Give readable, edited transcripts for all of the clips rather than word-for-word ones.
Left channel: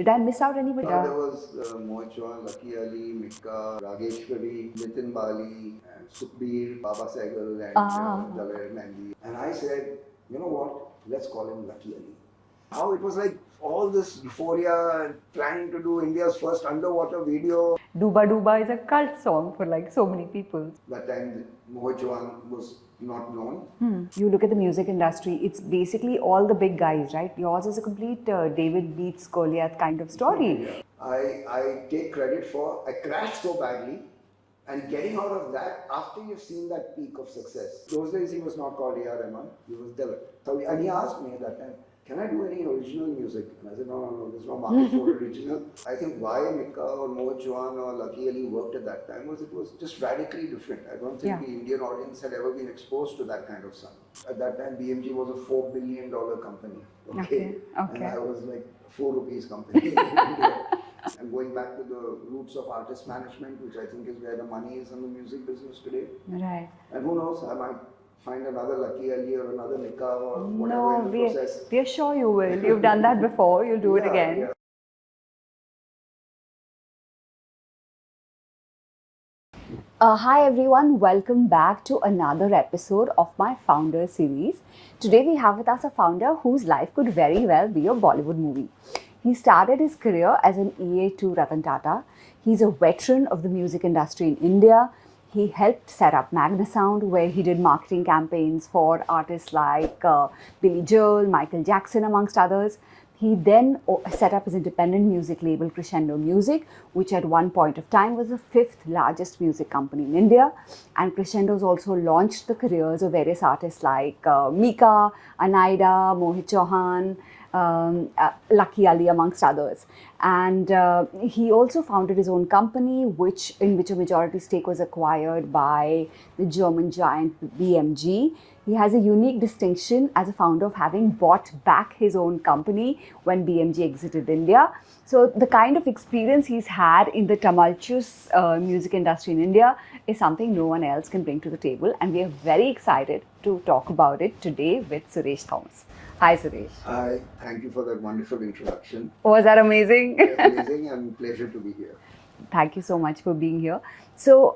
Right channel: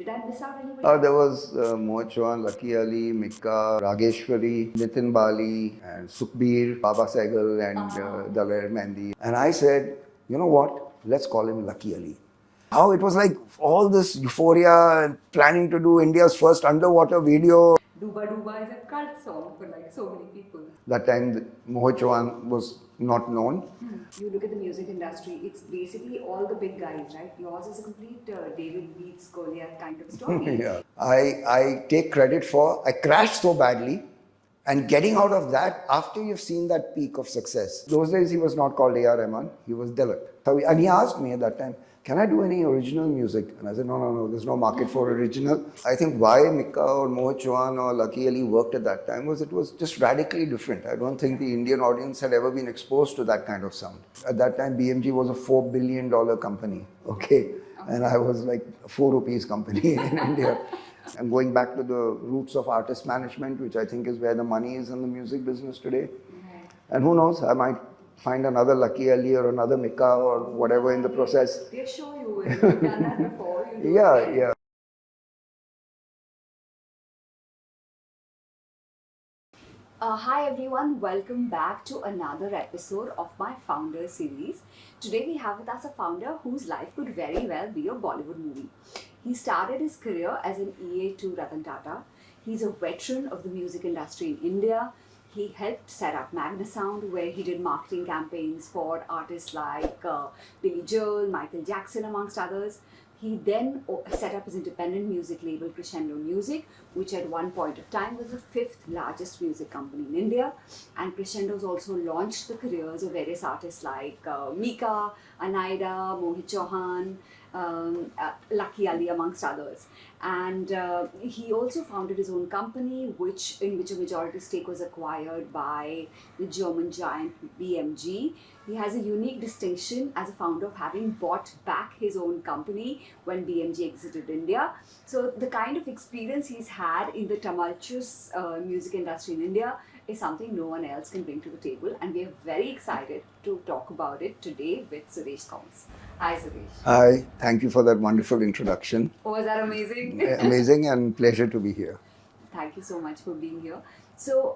Did I miss out anybody? There was Mohit Chauhan, Luckyali, Mika, Rageshwari, Nitin Bali, and Sukhbir, Baba Sehgal, and Mendi. And I said, you know what? Let's call him Lucky Ali. How it was like all this euphoria and planning to do India's first underwater video. Dooba-Dooba is a cult song for like so many people. That time, Mohit Chauhan was not known. You look at the music industry, it's basically all the big guys, right? Yours is a complete David beats Goliath kind of story. Yeah. I take credit for, I crashed so badly, and getting out of that after you've seen that peak of success. Those days he was not called A.R. Rahman, he was Dilip. And he asked me at that time, can I do any original music? And I said, no, there's no market for original. I think why Mika or Mohit Chauhan or Lucky Ali worked at that time was it was just radically different. I don't think the Indian audience had ever been exposed to that kind of sound. At that time, BMG was a $4 billion company, okay? And I was like a 4 rupees company in India. And going back to the roots of artist management, which I think is where the money is in the music business today. Right. And who knows, I might find another Lucky Ali or another Mika or whatever in the process. We're sure you will. You've done that before, you'll do it again. Yeah. Hi everyone, welcome back to another episode of my founder series. Today we have with us a founder whose life could very well be a Bollywood movie. He started his career as an EA to Ratan Tata. He's a veteran of the music industry in India. He helped set up Magna Sound, where he did marketing campaigns for artists like Billy Joel, Michael Jackson, amongst others. He then set up his independent music label, Crescendo Music, which at one point of time was the 5th largest music company in India. And Crescendo's also launched the careers of various artists like Mika, Anaida, Mohit Chauhan, Lucky Ali, amongst others. And he also founded his own company, in which a majority stake was acquired by the German giant BMG. He has a unique distinction as a founder of having bought back his own company when BMG exited India. So the kind of experience he's had in the tumultuous music industry in India is something no one else can bring to the table. And we are very excited to talk about it today with Suresh Thomas. Hi, Suresh. Hi, thank you for that wonderful introduction. Was that amazing? Amazing and pleasure to be here. Thank you so much for being here. So,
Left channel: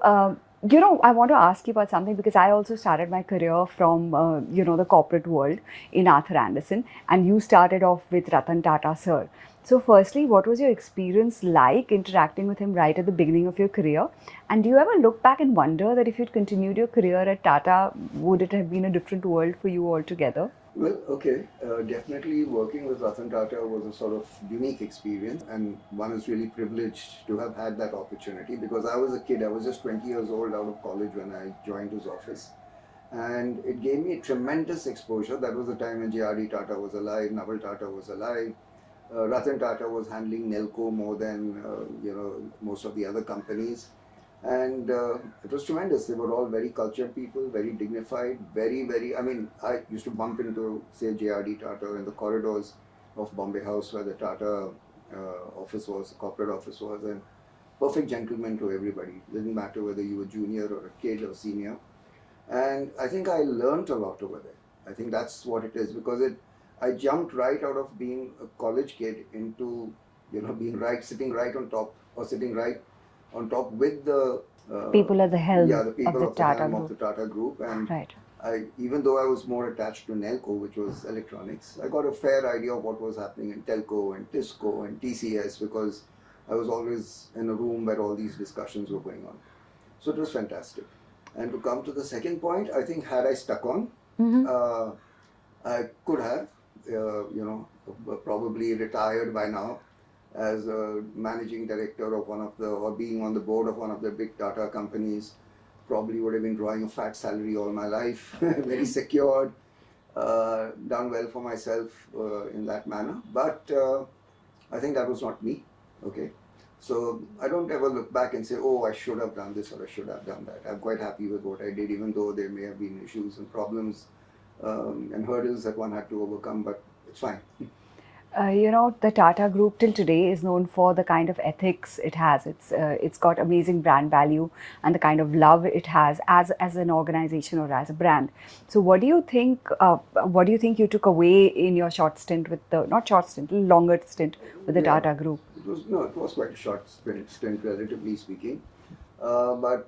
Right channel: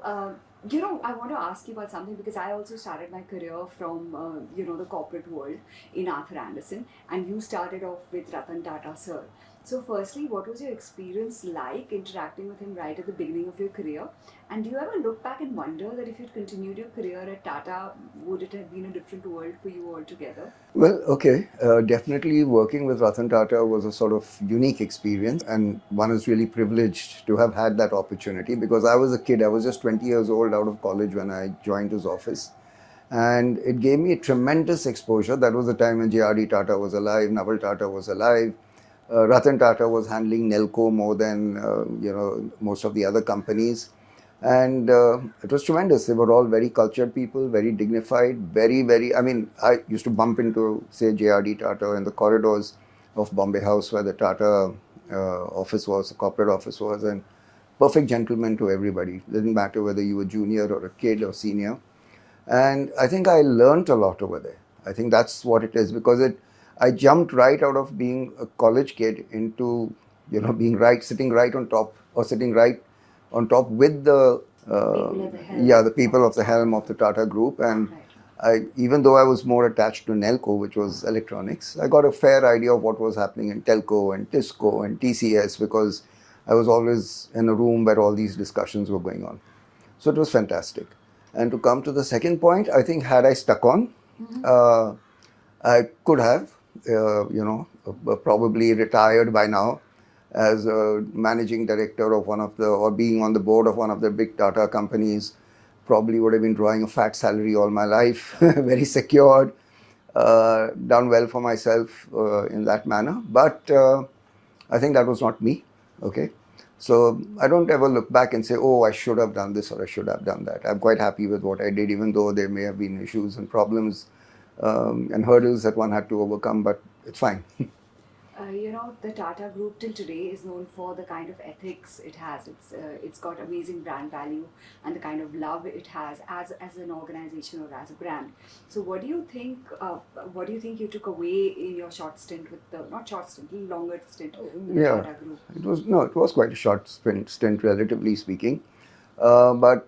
I want to ask you about something because I also started my career from, the corporate world in Arthur Andersen, and you started off with Ratan Tata, sir. So firstly, what was your experience like interacting with him right at the beginning of your career? And do you ever look back and wonder that if you'd continued your career at Tata, would it have been a different world for you altogether? Well, okay. Definitely working with Ratan Tata was a sort of unique experience, and one is really privileged to have had that opportunity because I was a kid. I was just 20 years old out of college when I joined his office. And it gave me a tremendous exposure. That was the time when J.R.D. Tata was alive, Naval Tata was alive. Ratan Tata was handling Nelco more than, most of the other companies. And it was tremendous. They were all very cultured people, very dignified, very, I used to bump into, say, J.R.D. Tata in the corridors of Bombay House where the Tata office was, the corporate office was, and perfect gentleman to everybody. It didn't matter whether you were junior or a kid or senior. And I think I learned a lot over there. I think that's what it is because I jumped right out of being a college kid into, being sitting right on top or sitting right on top with the people at the helm. Yeah, the people of the helm of the Tata Group. And even though I was more attached to Nelco, which was electronics, I got a fair idea of what was happening in Telco and Tisco and TCS because I was always in a room where all these discussions were going on. So it was fantastic. And to come to the second point, I think had I stuck on, I could have, probably retired by now as a managing director of or being on the board of one of the big Tata companies. Probably would have been drawing a fat salary all my life, very secured, done well for myself in that manner. But I think that was not me, okay? So I don't ever look back and say, oh, I should have done this or I should have done that. I'm quite happy with what I did, even though there may have been issues and problems and hurdles that one had to overcome, but it's fine. The Tata Group till today is known for the kind of ethics it has. It's got amazing brand value and the kind of love it has as an organization or as a brand. So, what do you think? What do you think you took away in your short stint with the not short stint, longer stint with the Yeah, Tata Group? it was quite a short stint, relatively speaking. But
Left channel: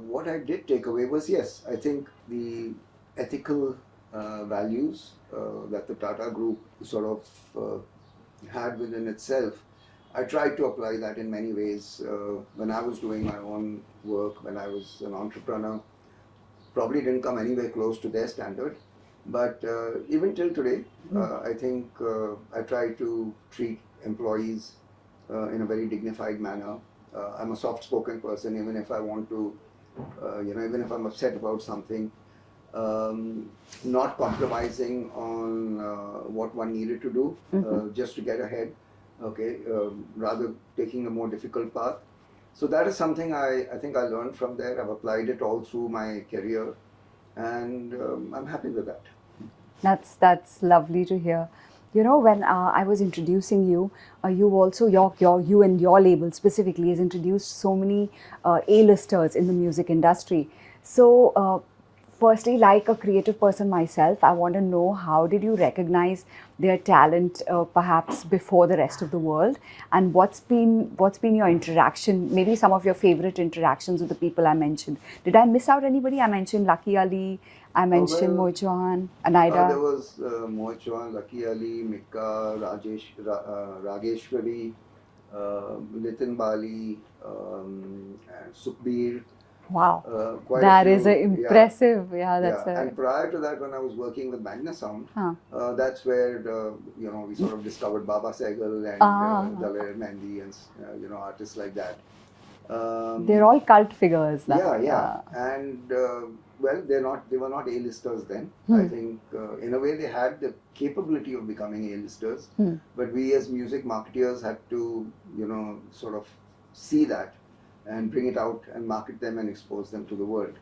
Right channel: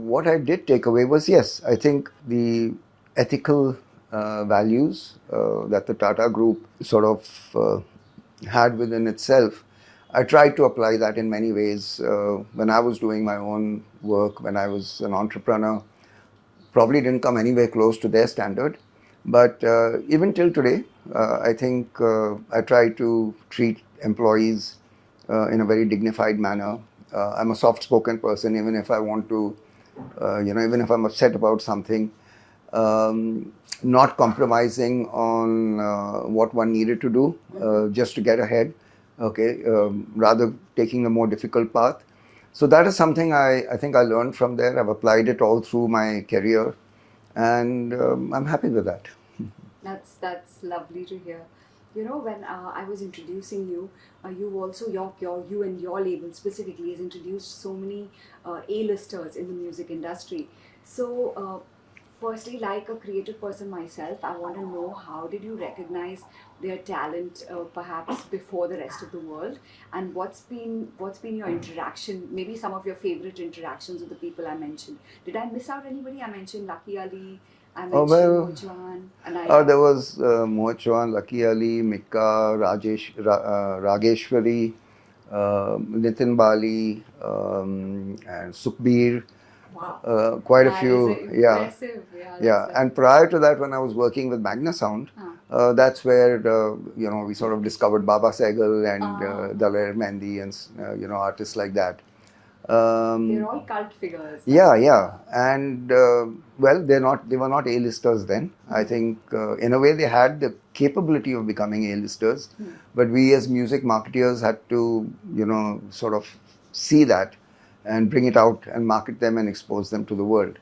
what I did take away was, yes, I think the ethical values that the Tata Group sort of had within itself. I tried to apply that in many ways when I was doing my own work, when I was an entrepreneur. Probably didn't come anywhere close to their standard. But even till today, I think I try to treat employees in a very dignified manner. I'm a soft-spoken person, even if I want to, even if I'm upset about something, not compromising on what one needed to do just to get ahead, okay, rather taking a more difficult path. So that is something I think I learned from there. I've applied it all through my career, and I'm happy with that. That's lovely to hear. When I was introducing you, you also you and your label specifically has introduced so many A-listers in the music industry. So, firstly, like a creative person myself, I want to know how did you recognize their talent, perhaps before the rest of the world, and what's been your interaction? Maybe some of your favorite interactions with the people I mentioned. Did I miss out anybody? I mentioned Lucky Ali. I mentioned Well, Mohit Chauhan, Anaida. there was Mohit Chauhan, luckyali, Mika, Rageshwari, Nitin Bali, and Sukhbir. Wow, Quite a that is few, yeah. impressive. Yeah, Yeah, that's and prior to that, when I was working with Magna Sound, Huh. that's where we sort of discovered Baba Sehgal and Ah. Daler Mehndi and artists like that. They're all cult figures. Yeah, yeah, and well, they were not A-listers then. I think in a way they had the capability of becoming A-listers, but we as music marketeers had to sort of see that and bring it out and market them and expose them to the world.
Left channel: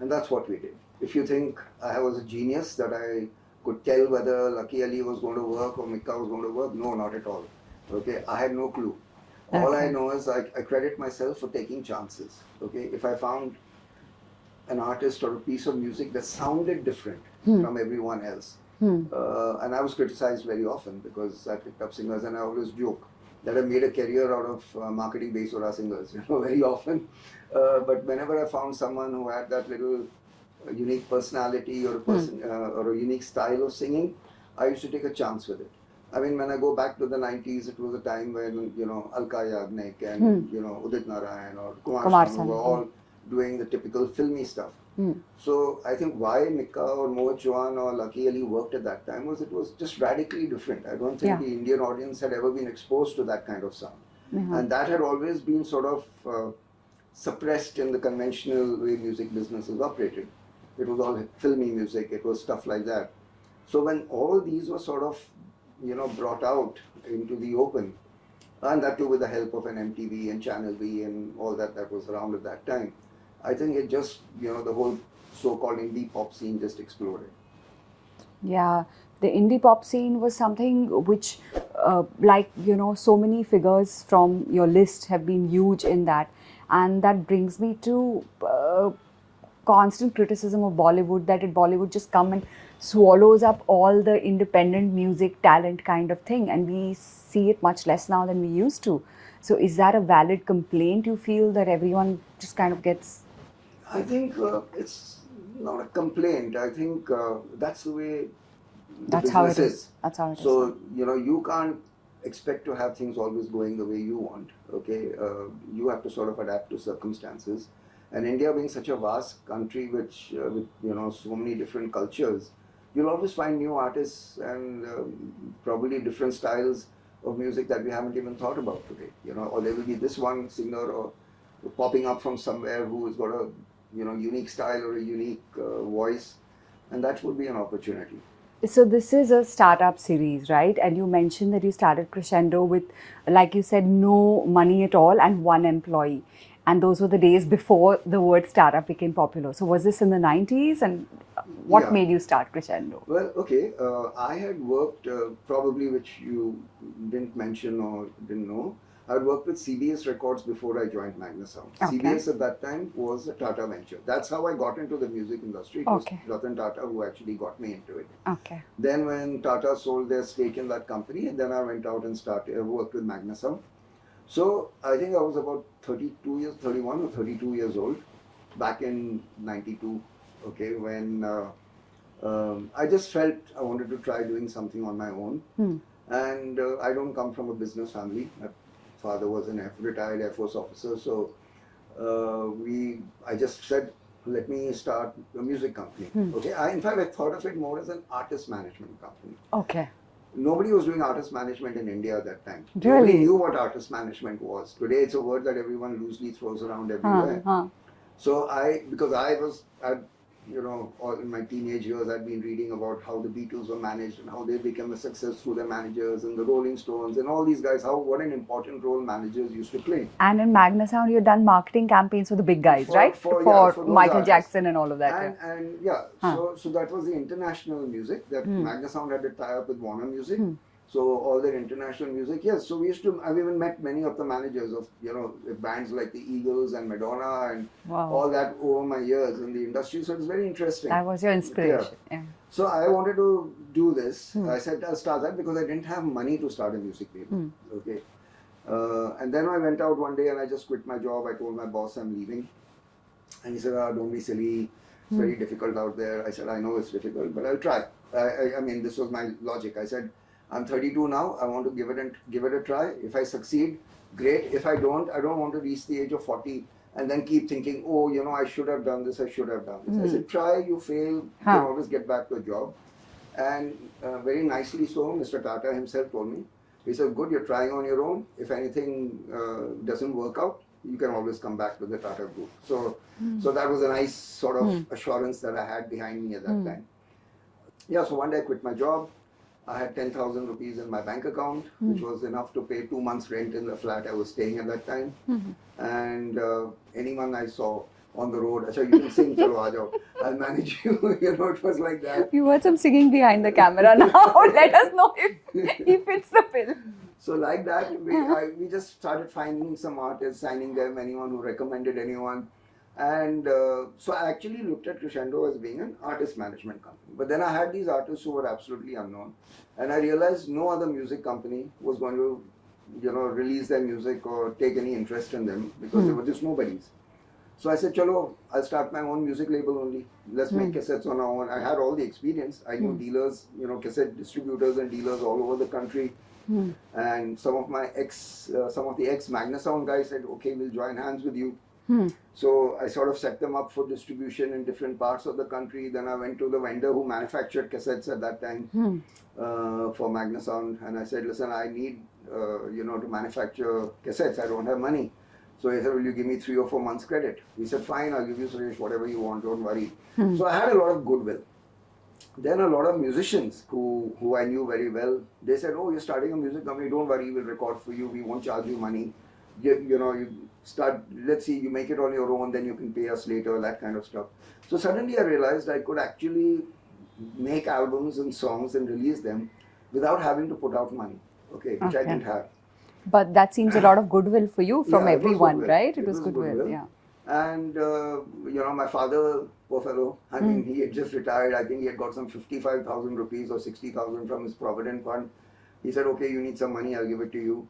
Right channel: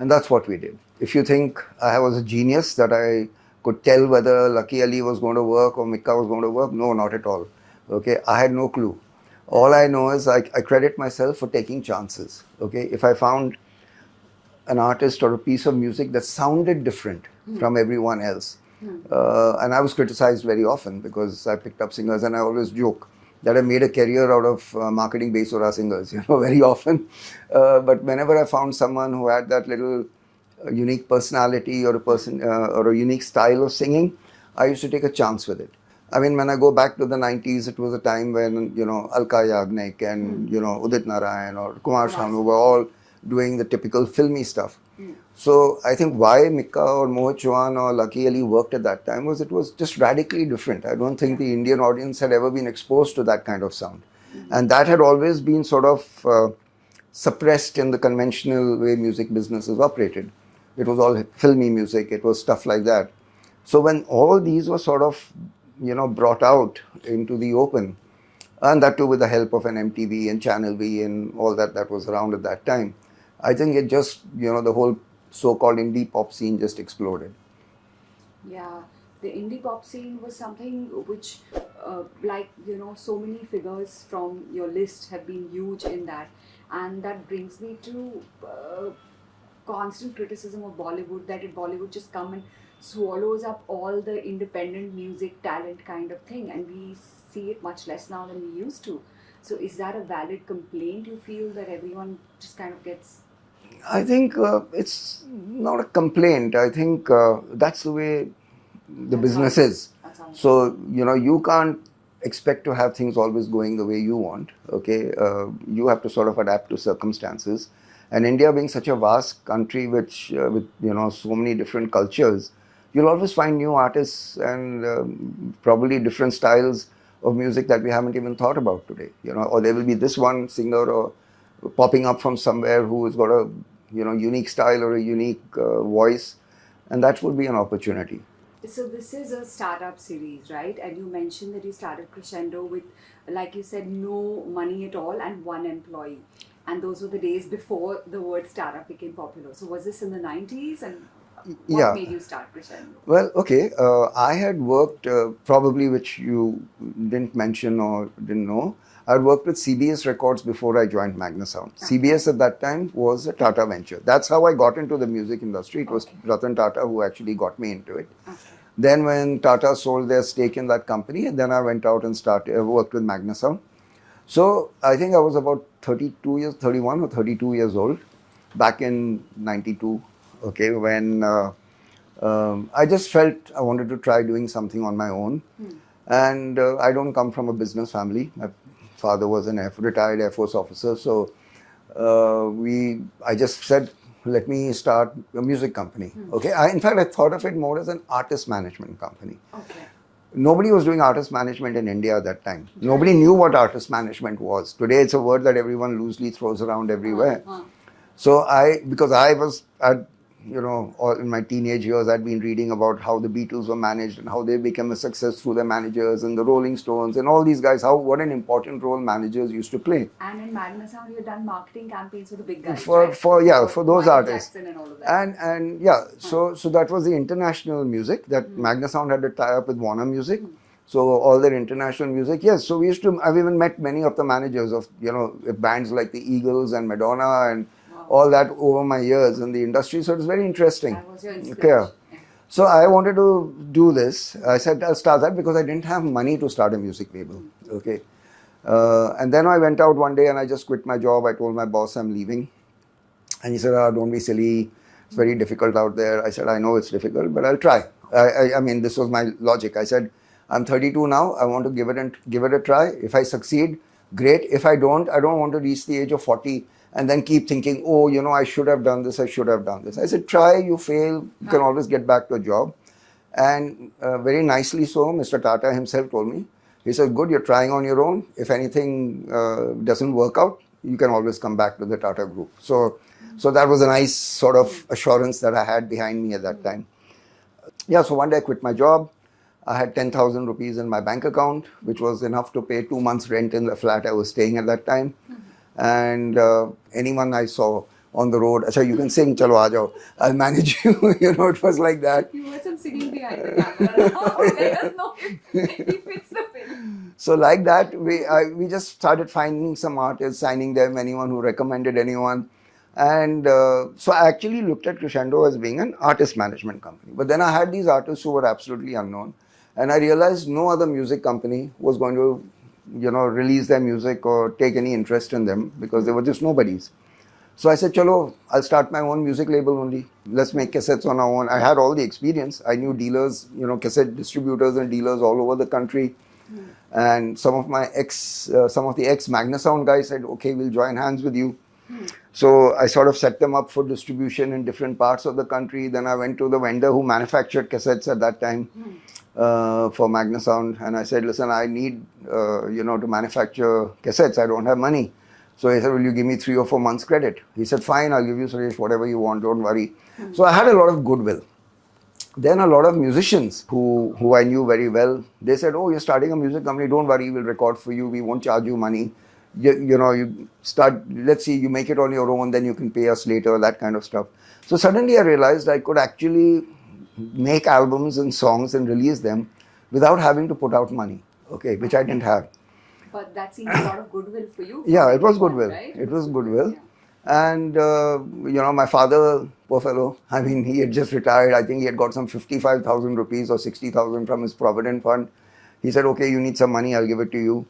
And that's what we did. If you think I was a genius that I could tell whether Lucky Ali was going to work or Mika was going to work, no, not at all. Okay, I had no clue. All I know is I credit myself for taking chances. Okay, if I found an artist or a piece of music that sounded different from everyone else, and I was criticized very often because I picked up singers, and I always joke that I made a career out of marketing Besora singers, very often. But whenever I found someone who had that little unique personality or a person or a unique style of singing, I used to take a chance with it. I mean, when I go back to the 90s, it was a time when, Alka Yagnik and, Udit Narayan or Kumar Sanu were all doing the typical filmy stuff. So I think why Mika or Mohit Chauhan or Lucky Ali worked at that time was it was just radically different. I don't think the Indian audience had ever been exposed to that kind of sound. And that had always been sort of suppressed in the conventional way music businesses operated. It was all filmy music, it was stuff like that. So when all these were sort of brought out into the open, and that too with the help of an MTV and Channel V and all that was around at that time, I think it just, the whole so-called indie pop scene just exploded. Yeah, the indie pop scene was something which, so many figures from your list have been huge in that. And that brings me to constant criticism of Bollywood, that Bollywood just come and swallows up all the independent music talent kind of thing, and we see it much less now than we used to. So is that a valid complaint you feel, that everyone just kind of gets... I think it's not a complaint. I think that's the way the business is. That's how it is. So, you can't expect to have things always going the way you want. Okay, you have to sort of adapt to circumstances. And India being such a vast country, which with so many different cultures, you'll always find new artists and probably different styles of music that we haven't even thought about today. Or there will be this one singer or popping up from somewhere who has got a unique style or a unique voice, and that would be an opportunity. So this is a startup series, right? And you mentioned that you started Crescendo with, like you said, no money at all and one employee. And those were the days before the word startup became popular. So was this in the 90s? And What Yeah. made you start Crescendo? Well, okay. I had worked, probably which you didn't mention or didn't know. I had worked with CBS Records before I joined Magna Sound. Okay. CBS at that time was a Tata venture. That's how I got into the music industry. It was Okay. Ratan Tata who actually got me into it. Okay. Then when Tata sold their stake in that company, then I went out and worked with Magna Sound. So I think I was about 31 or 32 years old back in 92. Okay, when I just felt I wanted to try doing something on my own. And I don't come from a business family. My father was an retired Air Force officer. So I just said, let me start a music company. Okay. In fact, I thought of it more as an artist management company. Okay. Nobody was doing artist management in India at that time. Really? Nobody knew what artist management was. Today, it's a word that everyone loosely throws around everywhere. So because I was, in my teenage years, I'd been reading about how the Beatles were managed and how they became a success through their managers, and the Rolling Stones and all these guys, what an important role managers used to play. And in Magna Sound, you've done marketing campaigns for the big guys, For- right? for those Michael artists. Jackson and all of that. And yeah, so that was the international music that Magna Sound had to tie up with Warner Music. So all their international music, yes. So I've even met many of the managers of, bands like the Eagles and Madonna and all that over my years in the industry. So it's very interesting. That was your inspiration. Yeah. So I wanted to do this. I said I'll start that because I didn't have money to start a music label. Okay. And then I went out one day and I just quit my job. I told my boss I'm leaving. And he said, don't be silly. It's very difficult out there. I said, I know it's difficult, but I'll try. I mean, this was my logic. I said, I'm 32 now. I want to give it a try. If I succeed, great. If I don't want to reach the age of 40 and then keep thinking, I should have done this. I should have done this. I said, try, you fail, you can always get back to a job. And very nicely so, Mr. Tata himself told me, he said, good, you're trying on your own. If anything doesn't work out, you can always come back to the Tata Group. So that was a nice sort of assurance that I had behind me at that time. Yeah, so one day I quit my job. I had 10,000 rupees in my bank account, which was enough to pay 2 months rent in the flat I was staying at that time. And anyone I saw on the road, Acha, you can sing, chalo aa jao, I'll manage you. It was like that. You heard some singing behind the camera now. Let us know if he fits the bill. So like that, we just started finding some artists, signing them, anyone who recommended anyone. And so I actually looked at Crescendo as being an artist management company. But then I had these artists who were absolutely unknown. And I realized no other music company was going to, release their music or take any interest in them because they were just nobodies. So I said, chalo, I'll start my own music label only. Let's make cassettes on our own. I had all the experience. I knew dealers, cassette distributors and dealers all over the country. And some of the ex Magna Sound guys said, okay, we'll join hands with you. So I sort of set them up for distribution in different parts of the country. Then I went to the vendor who manufactured cassettes at that time for Magna Sound. And I said, listen, I need, to manufacture cassettes. I don't have money. So he said, will you give me 3 or 4 months credit? He said, fine, I'll give you, Suresh, whatever you want, don't worry. So I had a lot of goodwill. Then a lot of musicians who I knew very well, they said, oh, you're starting a music company, don't worry, we'll record for you, we won't charge you money. You start, let's see, you make it on your own, then you can pay us later, that kind of stuff. So suddenly I realized I could actually make albums and songs and release them without having to put out money, which I didn't have. But that seems a lot of goodwill for you from Yeah, everyone, it was goodwill. right? It was goodwill. Yeah. And, my father, poor fellow, I mean, he had just retired. I think he had got some 55,000 rupees or 60,000 from his Provident Fund. He said, okay, you need some money, I'll give it to you.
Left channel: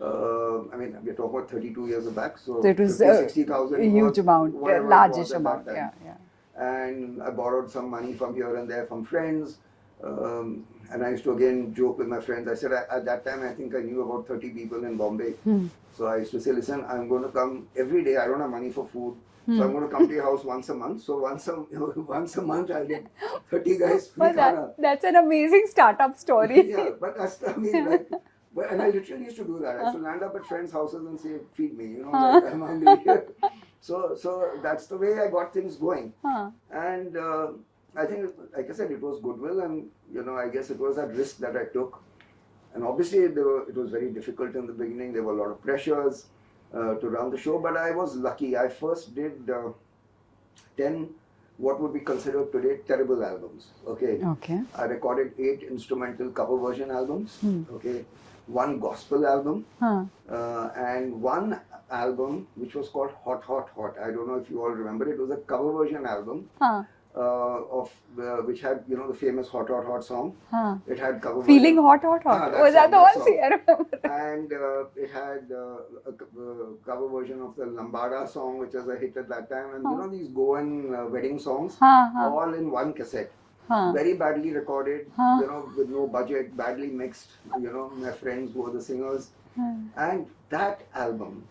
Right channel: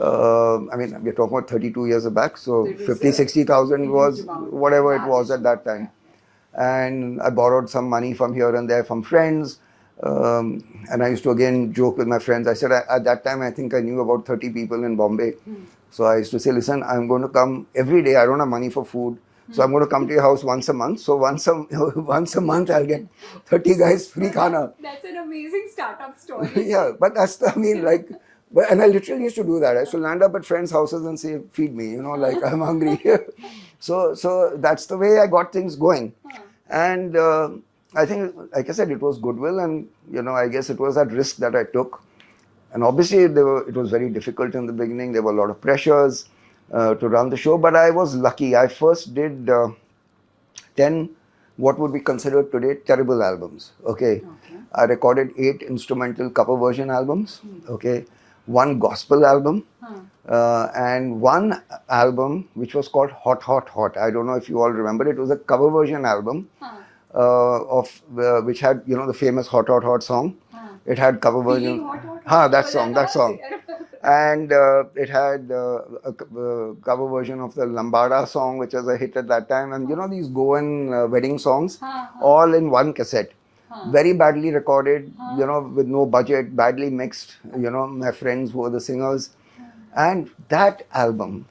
I mean, we're talking about 32 years back. So it was 60,000 was amount, whatever it was at that time. Yeah. And I borrowed some money from here and there from friends. And I used to again joke with my friends. I said, at that time, I think I knew about 30 people in Bombay. So I used to say, listen, I'm going to come every day. I don't have money for food. So I'm going to come to your house once a month. So once a month, I'll get 30 guys free khana. That's an amazing startup story. Yeah, but and I literally used to do that. I used to land up at friends' houses and say, feed me, like I'm hungry. So that's the way I got things going. And I think, like I said, it was goodwill, and I guess it was that risk that I took. And obviously, it was very difficult in the beginning. There were a lot of pressures to run the show, but I was lucky. I first did 10 what would be considered today terrible albums. Okay. Okay. I recorded 8 instrumental cover version albums. Okay. 1 gospel album. And 1 album which was called Hot Hot Hot. I don't know if you all remember. It was a cover version album of which had, you know, the famous Hot Hot Hot song. It had cover version. Feeling hot, hot, hot. That Was song. the That one? song. See, I remember. And it had a cover version of the Lambada song, which was a hit at that time. And you know, these Goan wedding songs, all in 1 cassette. Very badly recorded, you know, with no budget, badly mixed, you know, my friends who were the singers. And that album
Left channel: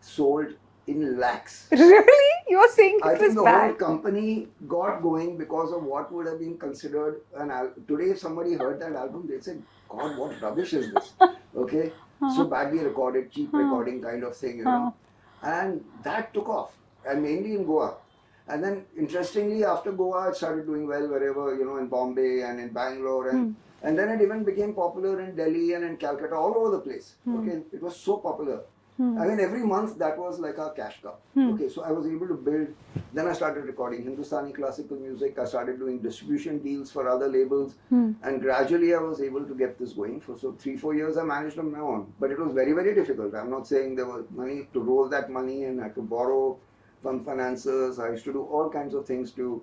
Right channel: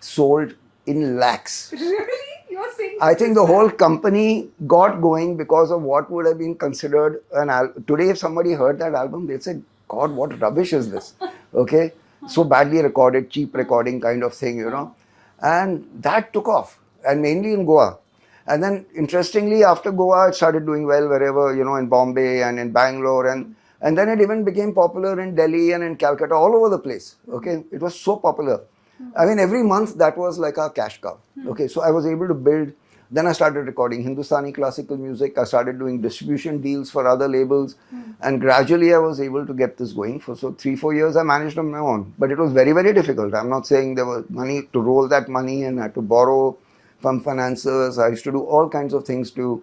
sold in lakhs. Really? You were saying I this think is the bad? whole company got going because of what would have been considered an album. Today, if somebody heard that album, they'd say, God, what rubbish is this? Okay? So badly recorded, cheap recording kind of thing, you know. And that took off, and mainly in Goa. And then, interestingly, after Goa, it started doing well wherever, you know, in Bombay and in Bangalore. And then it even became popular in Delhi and in Calcutta, all over the place. Okay? It was so popular. I mean, every month that was like a cash cow. Okay, so I was able to build. Then I started recording Hindustani classical music. I started doing distribution deals for other labels. And gradually I was able to get this going. For 3-4 years I managed on my own. But it was very, very difficult. I'm not saying there was money to roll that money, and I had to borrow from financiers. I used to do all kinds of things to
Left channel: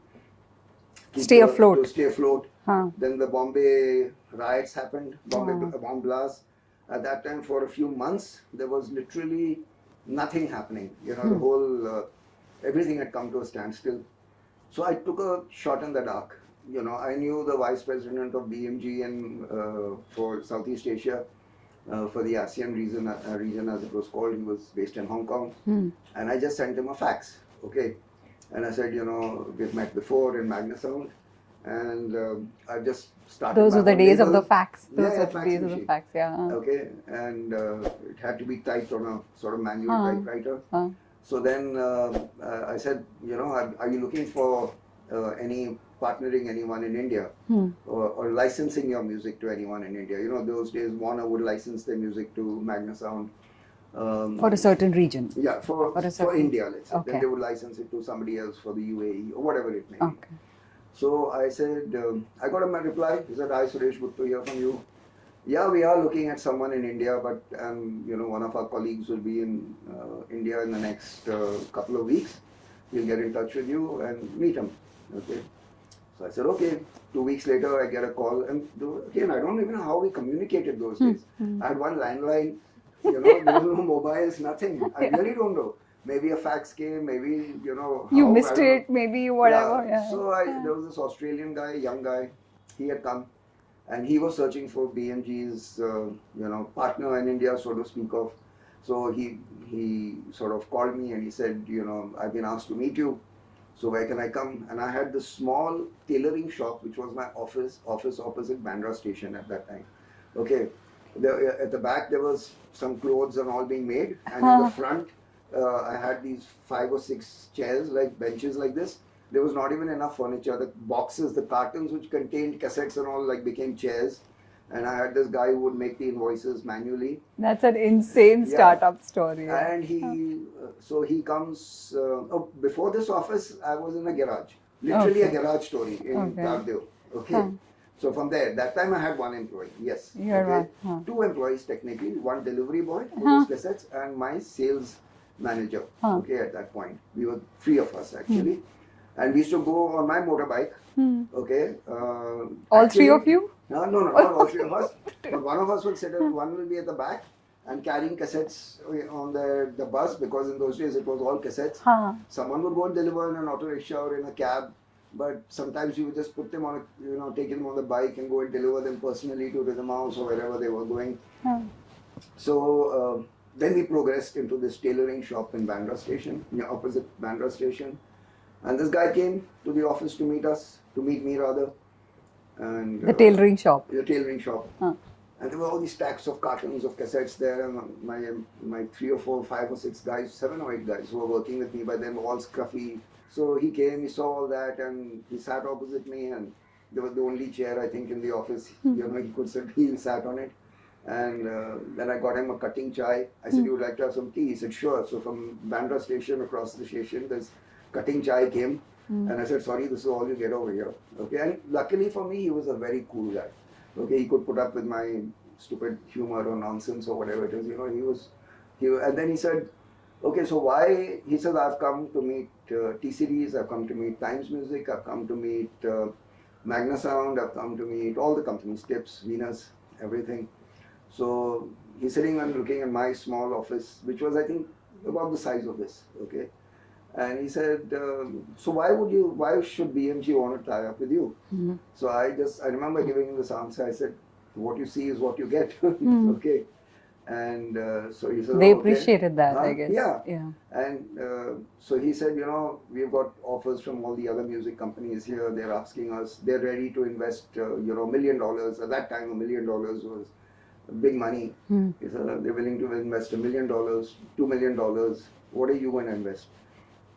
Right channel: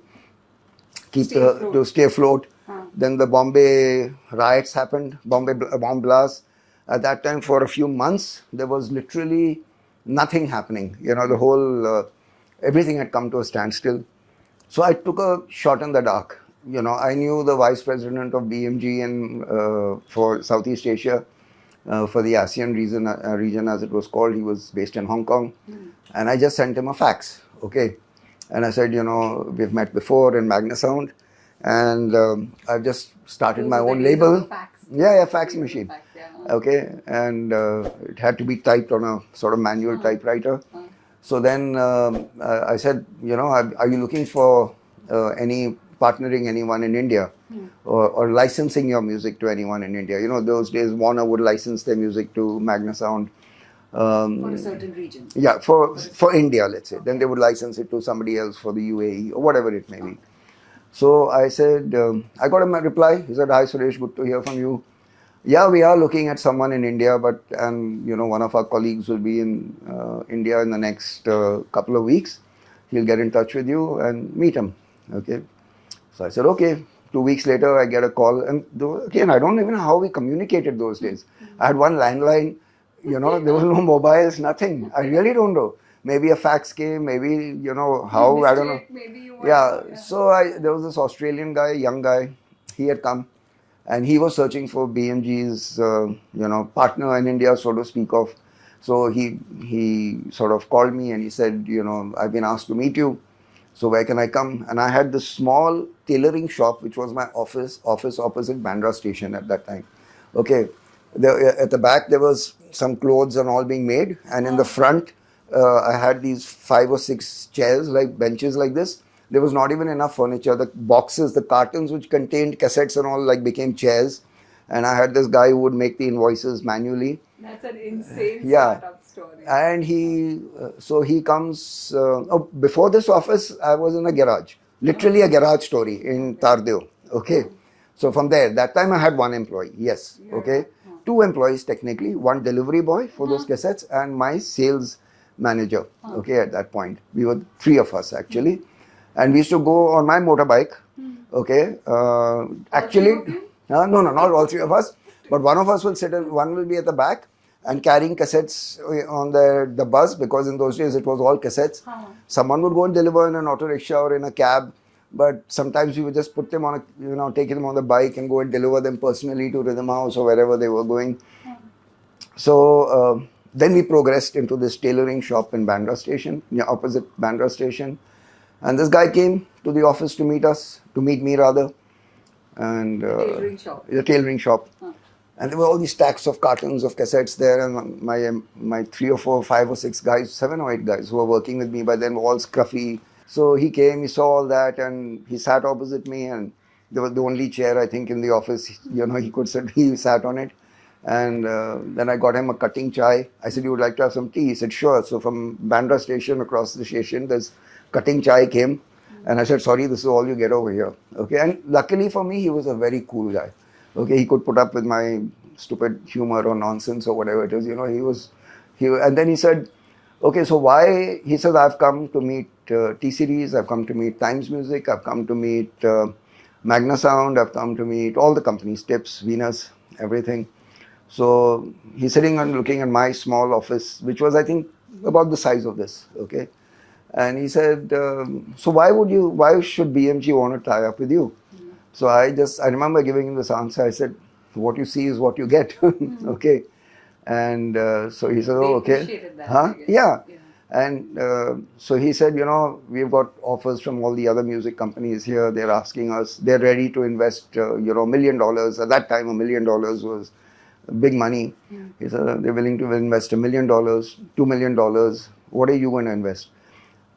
Stay afloat. To stay afloat. Then the Bombay riots happened, bomb blast. At that time, for a few months, there was literally nothing happening. You know, the whole, everything had come to a standstill. So I took a shot in the dark. You know, I knew the vice president of BMG and for Southeast Asia, for the ASEAN region as it was called. He was based in Hong Kong. And I just sent him a fax. Okay. And I said, you know, we've met before in Magnasound. And I've just started my own label. Those were the days of the fax. Fax machine. Okay, and it had to be typed on a sort of manual typewriter. So then I said, you know, are you looking for partnering anyone in India or licensing your music to anyone in India? You know, those days Warner would license their music to Magnasound. For a certain region. Yeah, for India, let's say. Okay. Then they would license it to somebody else for the UAE or whatever it may be. So I said, I got a reply. He said, hi Suresh, good to hear from you. Yeah, we are looking at someone in India, and you know, one of our colleagues will be in India in the next couple of weeks. He'll get in touch with you and meet him. Okay. So I said, okay. 2 weeks later, I get a call. And again, I don't even know how we communicated those days. I had one landline, you know, there was no mobiles, nothing. I really don't know. Maybe a fax came, maybe, you know, how, you missed I don't know. Maybe whatever. Yeah. So there was this Australian guy, young guy, he had come and he was searching for BMG's, you know, partner in India, so to speak of. So he sort of called me and he said, you know, I've been asked to meet you. So where can I come? And I had this small tailoring shop, which was my office opposite Bandra station at that time. Okay. At the back, there was some clothes and all being made. And in the front, I had these 5 or 6 chairs, like benches like this. There was not even enough furniture. The boxes, the cartons which contained cassettes and all, like became chairs. And I had this guy who would make the invoices manually. That's an insane startup story. And so he comes, before this office, I was in a garage. Literally a garage story in Tardeo. Okay. So from there, that time I had 1 employee. Yes. Okay. 2 employees technically, 1 delivery boy for those cassettes and my sales manager. Okay. At that point, we were 3 of us actually. And we used to go on my motorbike. Okay. All 3 of you? No, not all 3 of us. But one of us will sit, one will be at the back and carrying cassettes on the bus, because in those days it was all cassettes. Someone would go and deliver in an auto rickshaw or in a cab. But sometimes we would just put them on take them on the bike and go and deliver them personally to Rhythm House or wherever they were going. So then we progressed into this tailoring shop in Bandra station, opposite Bandra station. And this guy came to the office to meet me rather. And the tailoring shop. The tailoring shop. And there were all these stacks of cartons of cassettes there, and my 3 or 4, 5 or 6 guys, 7 or 8 guys who were working with me, but then were all scruffy. So he came, he saw all that, and he sat opposite me, and there was the only chair I think in the office, he could sit, he sat on it. And then I got him a cutting chai. I said, you would like to have some tea? He said, sure. So from Bandra station, across the station, this cutting chai came. And I said, sorry, this is all you get over here. Okay. And luckily for me, he was a very cool guy. Okay. He could put up with my stupid humor or nonsense or whatever it is. You know, and then he said, okay, so why? He said, I've come to meet T-Series, I've come to meet Times Music, I've come to meet Magna Sound, I've come to meet all the companies, Tips, Venus, everything. So he's sitting and looking at my small office, which was, I think, about the size of this, okay? And he said, so why should BMG want to tie up with you? So I remember giving him this answer. I said, what you see is what you get, okay? And so he said, they oh, okay. appreciated that, I guess. Yeah. And so he said, you know, we've got offers from all the other music companies here. They're asking us, they're ready to invest, you know, $1 million. At that time, $1 million was big money. He said, they're willing to invest $1 million, $2 million. What are you going to invest?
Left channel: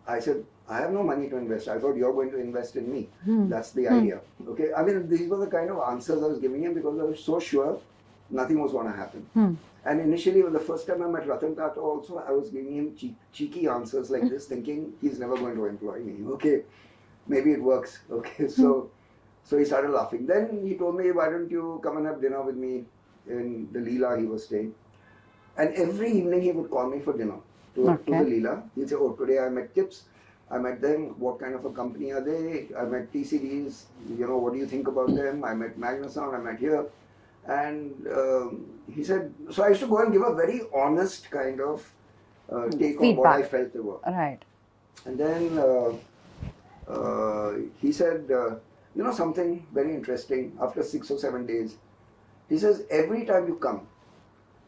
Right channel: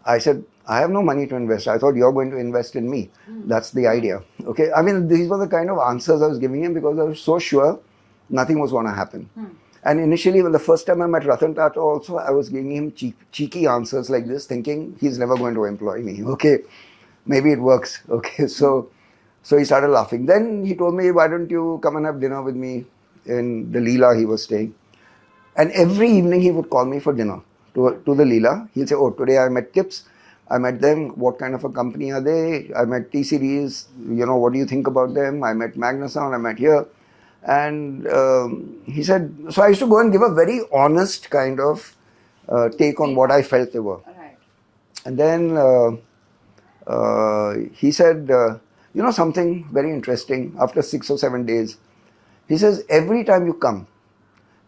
I said, I have no money to invest. I thought you're going to invest in me. That's the idea. Okay. I mean, these were the kind of answers I was giving him because I was so sure nothing was going to happen. And initially, when the first time I met Ratan Tata also, I was giving him cheeky answers like this, thinking he's never going to employ me. Okay, maybe it works. Okay, so he started laughing. Then he told me, why don't you come and have dinner with me in the Leela he was staying. And every evening he would call me for dinner to the Leela. He'll say, oh, today I met Tips. I met them. What kind of a company are they? I met T-Series. You know, what do you think about them? I met Magna Sound. I met here. And he said, so I used to go and give a very honest kind of take on what I felt they were. Right. And then he said, you know, something very interesting. After 6 or 7 days, he says, every time you come,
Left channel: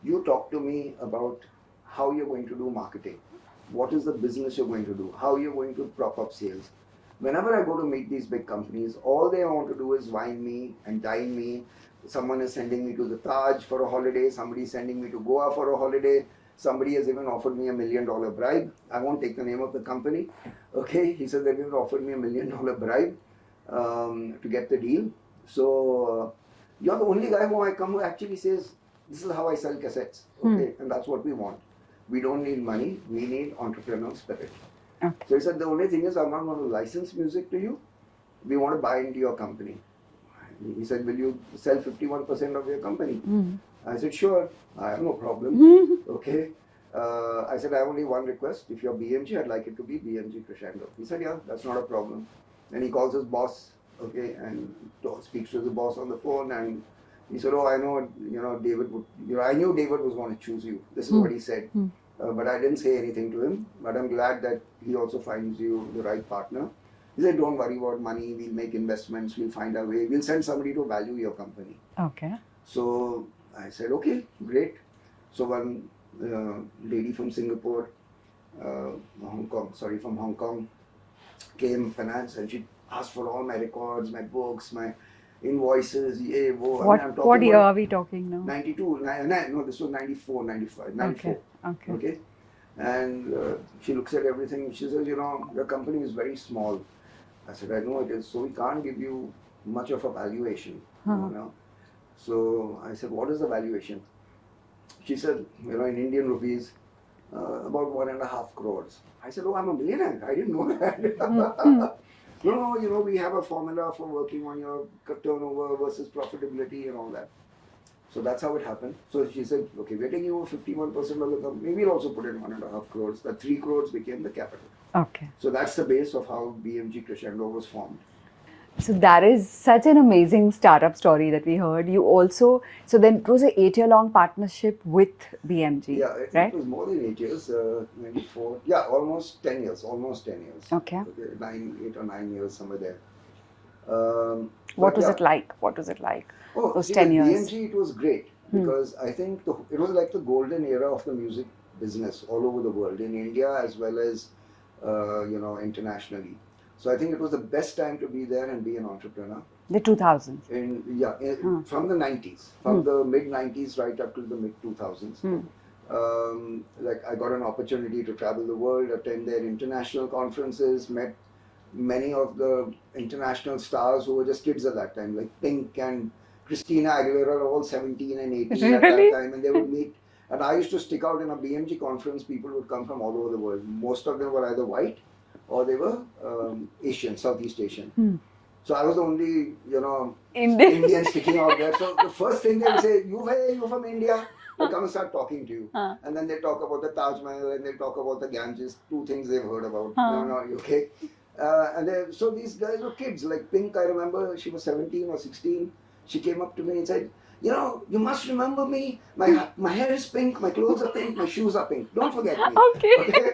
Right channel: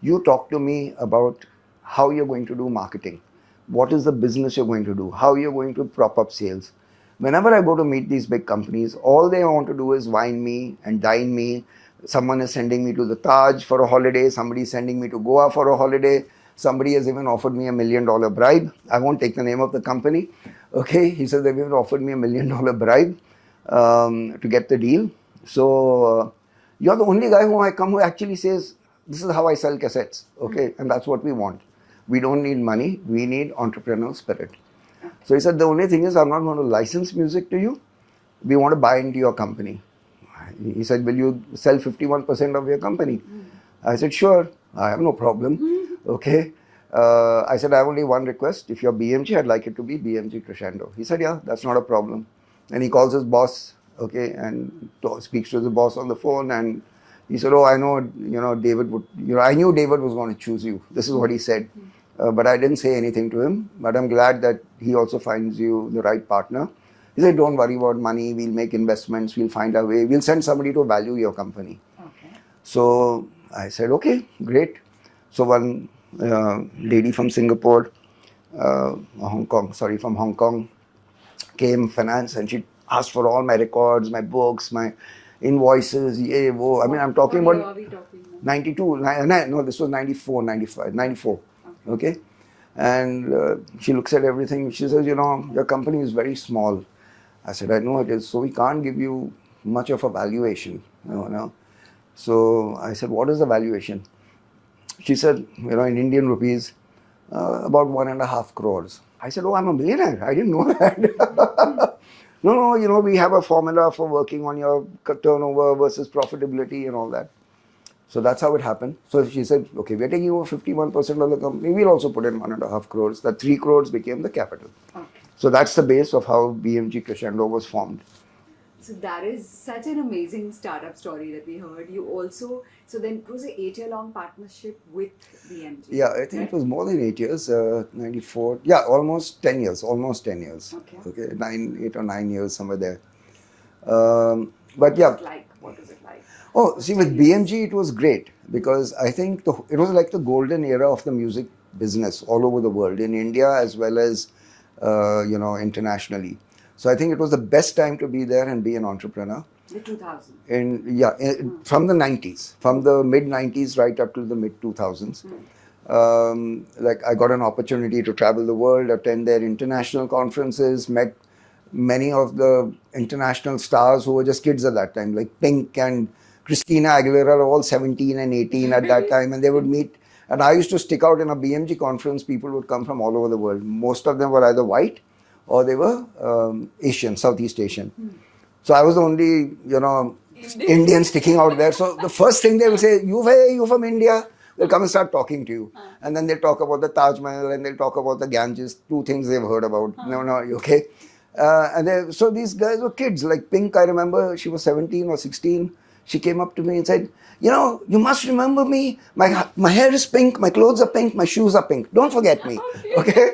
you talk to me about how you're going to do marketing. What is the business you're going to do? How you're going to prop up sales. Whenever I go to meet these big companies, all they want to do is wine me and dine me. Someone is sending me to the Taj for a holiday. Somebody is sending me to Goa for a holiday. Somebody has even offered me $1 million bribe. I won't take the name of the company. Okay, he said they've even offered me $1 million bribe to get the deal. So you're the only guy who I come who actually says, this is how I sell cassettes. Okay, and that's what we want. We don't need money. We need entrepreneurial spirit. Okay. So he said, the only thing is I'm not going to license music to you. We want to buy into your company. He said, will you sell 51% of your company? I said, sure, I have no problem. Okay. I said, I have only one request. If you're BMG, I'd like it to be BMG Crescendo. He said, yeah, that's not a problem. And he calls his boss, okay, and speaks to the boss on the phone. And he said, oh, I know, you know, David would, you know, I knew David was going to choose you. This is what he said. But I didn't say anything to him. But I'm glad that he also finds you the right partner. He said, don't worry about money. We'll make investments. We'll find a way. We'll send somebody to value your company. Okay. So I said, okay, great. So one lady from Singapore, from Hong Kong, came, finance, and she asked for all my records, my books, my invoices. Yeah, whoa. I mean, I'm talking what year about are we talking now? 92. No, this was 94, 95, 94. Okay. And she looks at everything. She says, you know, your company is very small. I said, I know it is. So we can't give you much of a valuation. You know? So I said, what is the valuation? She said, you know, in Indian rupees, about 1.5 crores. I said, oh, I'm a millionaire. I didn't know that. No, you know, we have a formula for working on your turnover versus profitability and all that. So that's how it happened. So she said, okay, we're taking over 51% of the company. We'll also put in 1.5 crores. That 3 crores became the capital. Okay. So that's the base of how BMG Crescendo was formed. So that is such an amazing startup story that we heard. You also, so then it was an 8-year-long partnership with BMG. Yeah, I think it was more than 8 years, 94. Yeah, almost 10 years, Okay. 8 or 9 years, somewhere there. What was it like? What was it like? Oh, see, with BMG, it was great because I think it was like the golden era of the music business all over the world, in India as well as, you know, internationally. So I think it was the best time to be there and be an entrepreneur. The 2000s? From the 90s, from the mid-90s right up to the mid-2000s. Like I got an opportunity to travel the world, attend their international conferences, met many of the international stars who were just kids at that time, like Pink and Christina Aguilera, all 17 and 18 at that time, and they would meet. And I used to stick out in a BMG conference. People would come from all over the world. Most of them were either white or they were Asian, Southeast Asian. So I was the only, Indian sticking out there. So the first thing they will say, you from India? They'll come and start talking to you. And then they'll talk about the Taj Mahal and they'll talk about the Ganges, two things they've heard about. No, you okay? So these guys were kids. Like Pink, I remember, she was 17 or 16. She came up to me and said, you must remember me. My hair is pink, my clothes are pink, my shoes are pink. Don't forget me. Okay?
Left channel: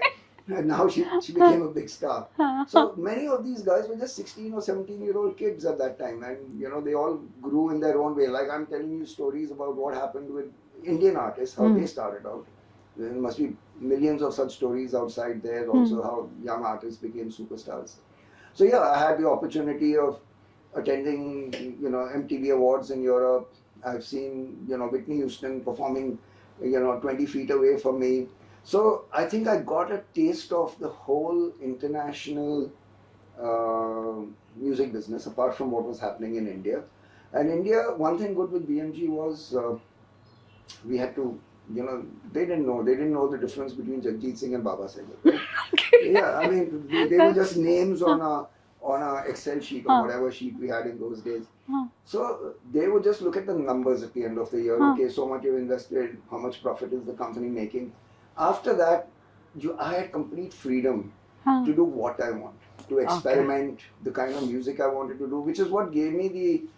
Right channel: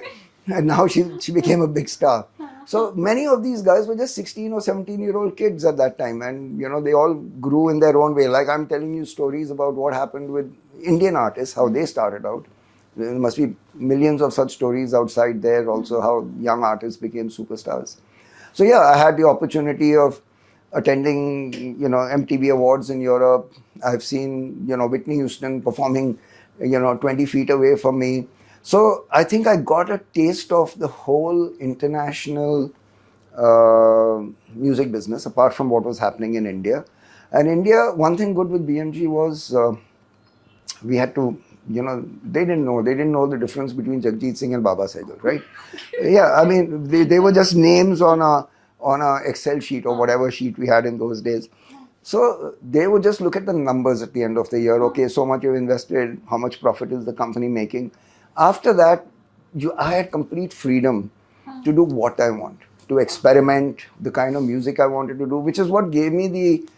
And now she became a big star. So many of these guys were just 16 or 17-year-old kids at that time. And, they all grew in their own way. Like I'm telling you stories about what happened with Indian artists, how they started out. There must be millions of such stories outside there also, how young artists became superstars. So yeah, I had the opportunity of attending, MTV Awards in Europe. I've seen, Whitney Houston performing, 20 feet away from me. So I think I got a taste of the whole international music business, apart from what was happening in India. And India, one thing good with BMG was we had to, they didn't know the difference between Jagjit Singh and Baba Sehgal, right? Yeah, I mean, they were just names on a Excel sheet or whatever sheet we had in those days. So they would just look at the numbers at the end of the year. Okay, so much you've invested, how much profit is the company making? After that, I had complete freedom to do what I want, to experiment the kind of music I wanted to do, which is what gave me the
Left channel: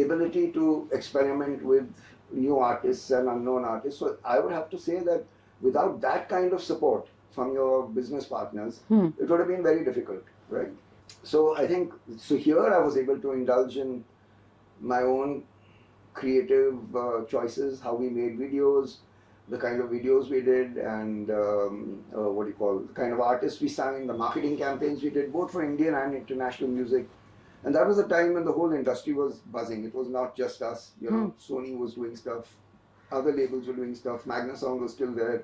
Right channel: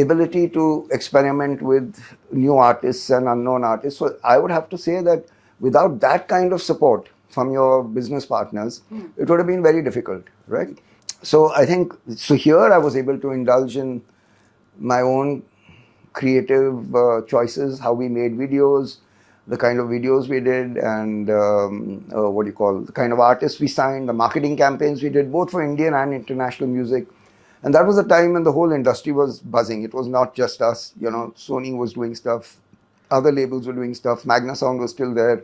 ability to experiment with new artists and unknown artists. So I would have to say that without that kind of support from your business partners, it would have been very difficult, right? So I think, here I was able to indulge in my own creative choices, how we made videos, the kind of videos we did, and the kind of artists we signed, the marketing campaigns we did, both for Indian and international music. And that was the time when the whole industry was buzzing. It was not just us, Sony was doing stuff, other labels were doing stuff, Magna Sound was still there,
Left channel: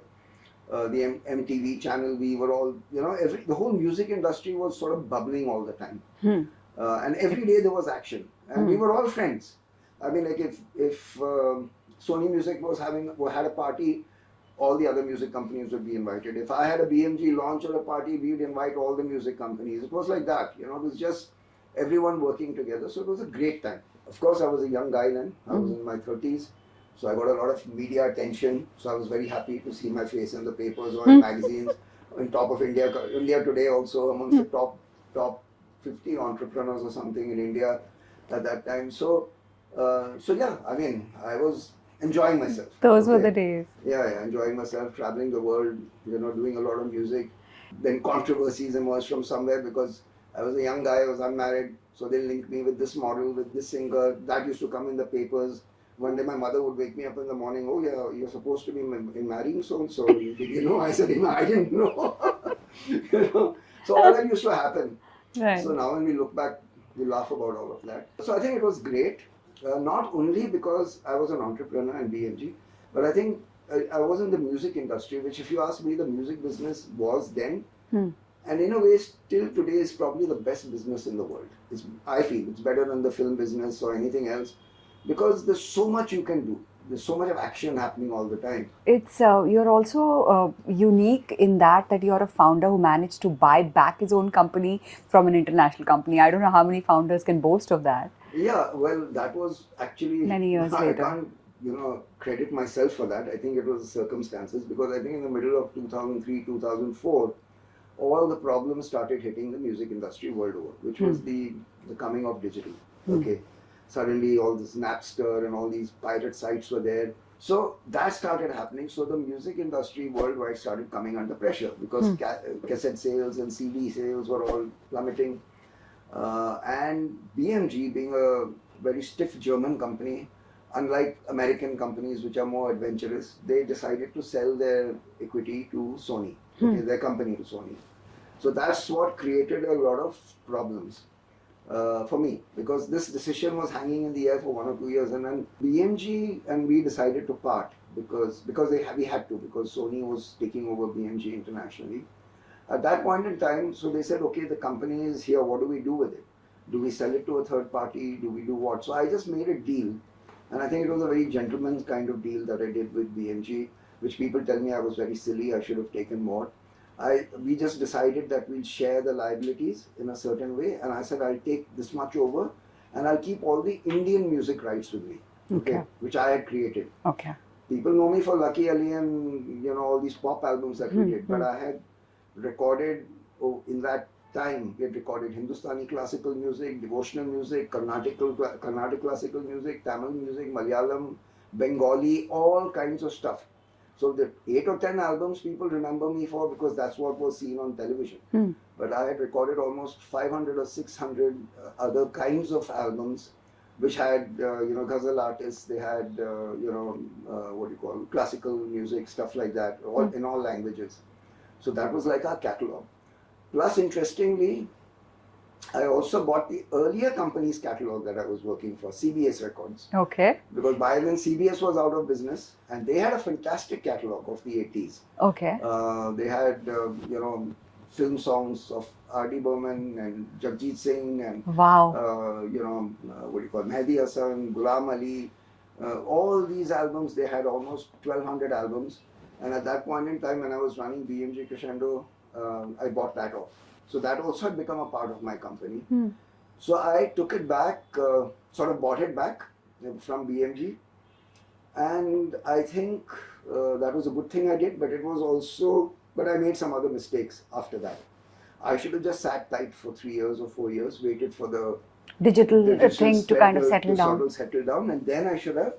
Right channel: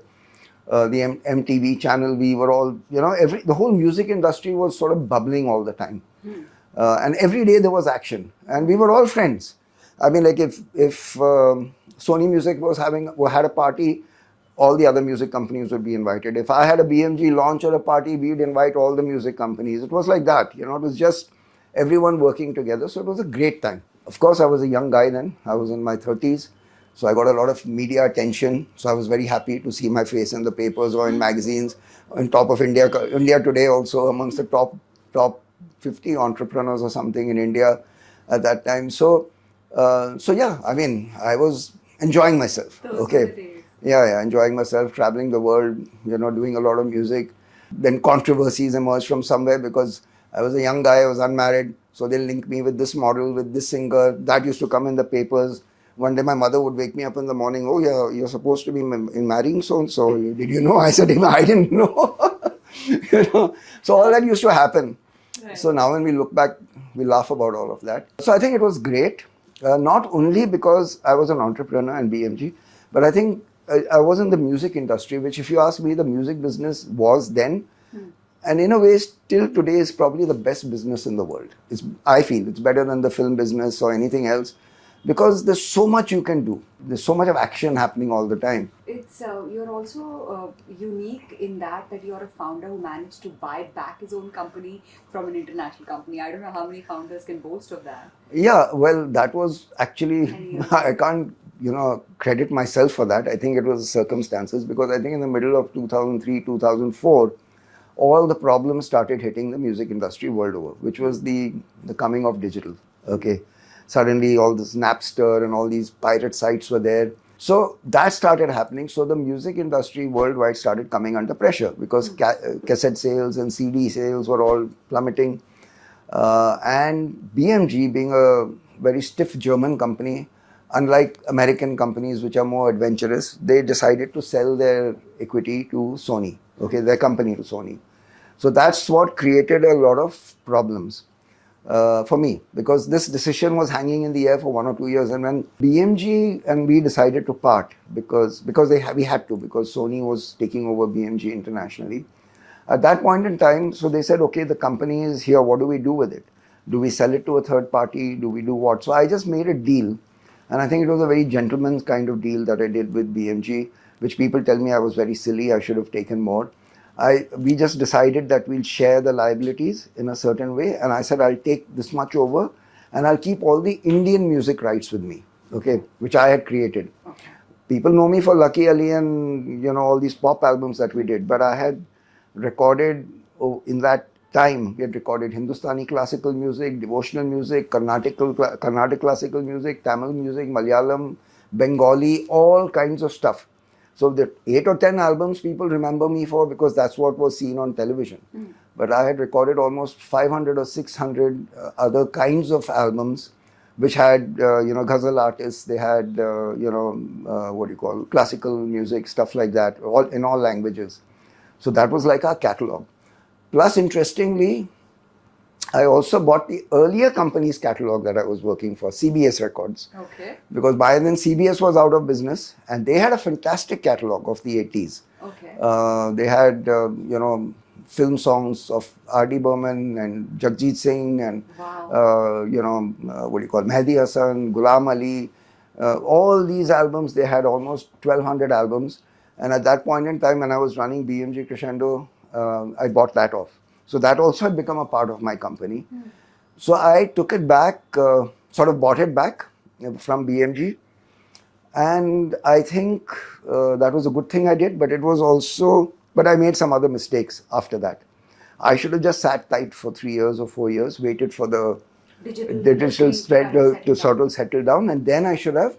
the MTV channel, we were all, the whole music industry was sort of bubbling all the time. And every day there was action, and we were all friends. I mean, like if Sony Music had a party, all the other music companies would be invited. If I had a BMG launch or a party, we'd invite all the music companies. It was like that, it was just everyone working together. So it was a great time. Of course, I was a young guy then. I was in my 30s. So I got a lot of media attention. So I was very happy to see my face in the papers or in magazines, on top of India Today also, amongst the top 50 entrepreneurs or something in India at that time. So yeah, I mean, I was enjoying myself. Those were the days. Yeah, enjoying myself, traveling the world, doing a lot of music. Then controversies emerged from somewhere because I was a young guy, I was unmarried. So they linked me with this model, with this singer. That used to come in the papers. One day my mother would wake me up in the morning, oh yeah, you're supposed to be marrying so-and-so. Did you know? I said, I didn't know. So all that used to happen. Right. So now when we look back, we laugh about all of that. So I think it was great. Not only because I was an entrepreneur in BMG, but I think I was in the music industry, which if you ask me, the music business was then, and in a way still today is probably the best business in the world. I feel it's better than the film business or anything else, because there's so much you can do. There's so much of action happening all the time. It's you're also unique in that you're a founder who managed to buy back his own company from an international company. I don't know how many founders can boast of that. Yeah, well, that was actually, many years I later. can't, credit myself for that. I think it was circumstances, because I think in the middle of 2003, 2004, all the problems started hitting the music industry world over, which was the coming of digital. Okay. Suddenly all this Napster and all these pirate sites were there. So that started happening. So the music industry worldwide started coming under pressure, because cassette sales and CD sales were all plummeting. And BMG, being a very stiff German company, unlike American companies which are more adventurous, they decided to sell their equity to Sony, their company to Sony. So that's what created a lot of problems for me, because this decision was hanging in the air for 1 or 2 years. And when BMG and we decided to part, because we had to, because Sony was taking over BMG internationally. At that point in time, so they said, okay, the company is here, what do we do with it? Do we sell it to a third party? Do we do what? So I just made a deal. And I think it was a very gentleman's kind of deal that I did with BMG, which people tell me I was very silly, I should have taken more. we just decided that we'll share the liabilities in a certain way, and I said I'll take this much over, and I'll keep all the Indian music rights with me, okay, which I had created. Okay. People know me for Lucky Ali and all these pop albums that we did, but I had recorded in that time. We had recorded Hindustani classical music, devotional music, Carnatic classical music, Tamil music, Malayalam, Bengali, all kinds of stuff. So the 8 or 10 albums people remember me for because that's what was seen on television. But I had recorded almost 500 or 600 other kinds of albums, which had ghazal artists. They had classical music, stuff like that, all in all languages. So that was like our catalog. Plus, interestingly, I also bought the earlier company's catalog that I was working for, CBS Records. Okay. Because by then CBS was out of business, and they had a fantastic catalog of the 80s. Okay. They had, film songs of R.D. Burman and Jagjit Singh and, wow. Mehdi Hassan, Ghulam Ali. All these albums, they had almost 1,200 albums. And at that point in time, when I was running BMG Crescendo, I bought that off. So that also had become a part of my company. So I took it back, sort of bought it back from BMG. And I think that was a good thing I did, but it was also, but I made some other mistakes after that. I should have just sat tight for 3 years or 4 years, waited for the digital thing to kind of sort of settle down, and then I should have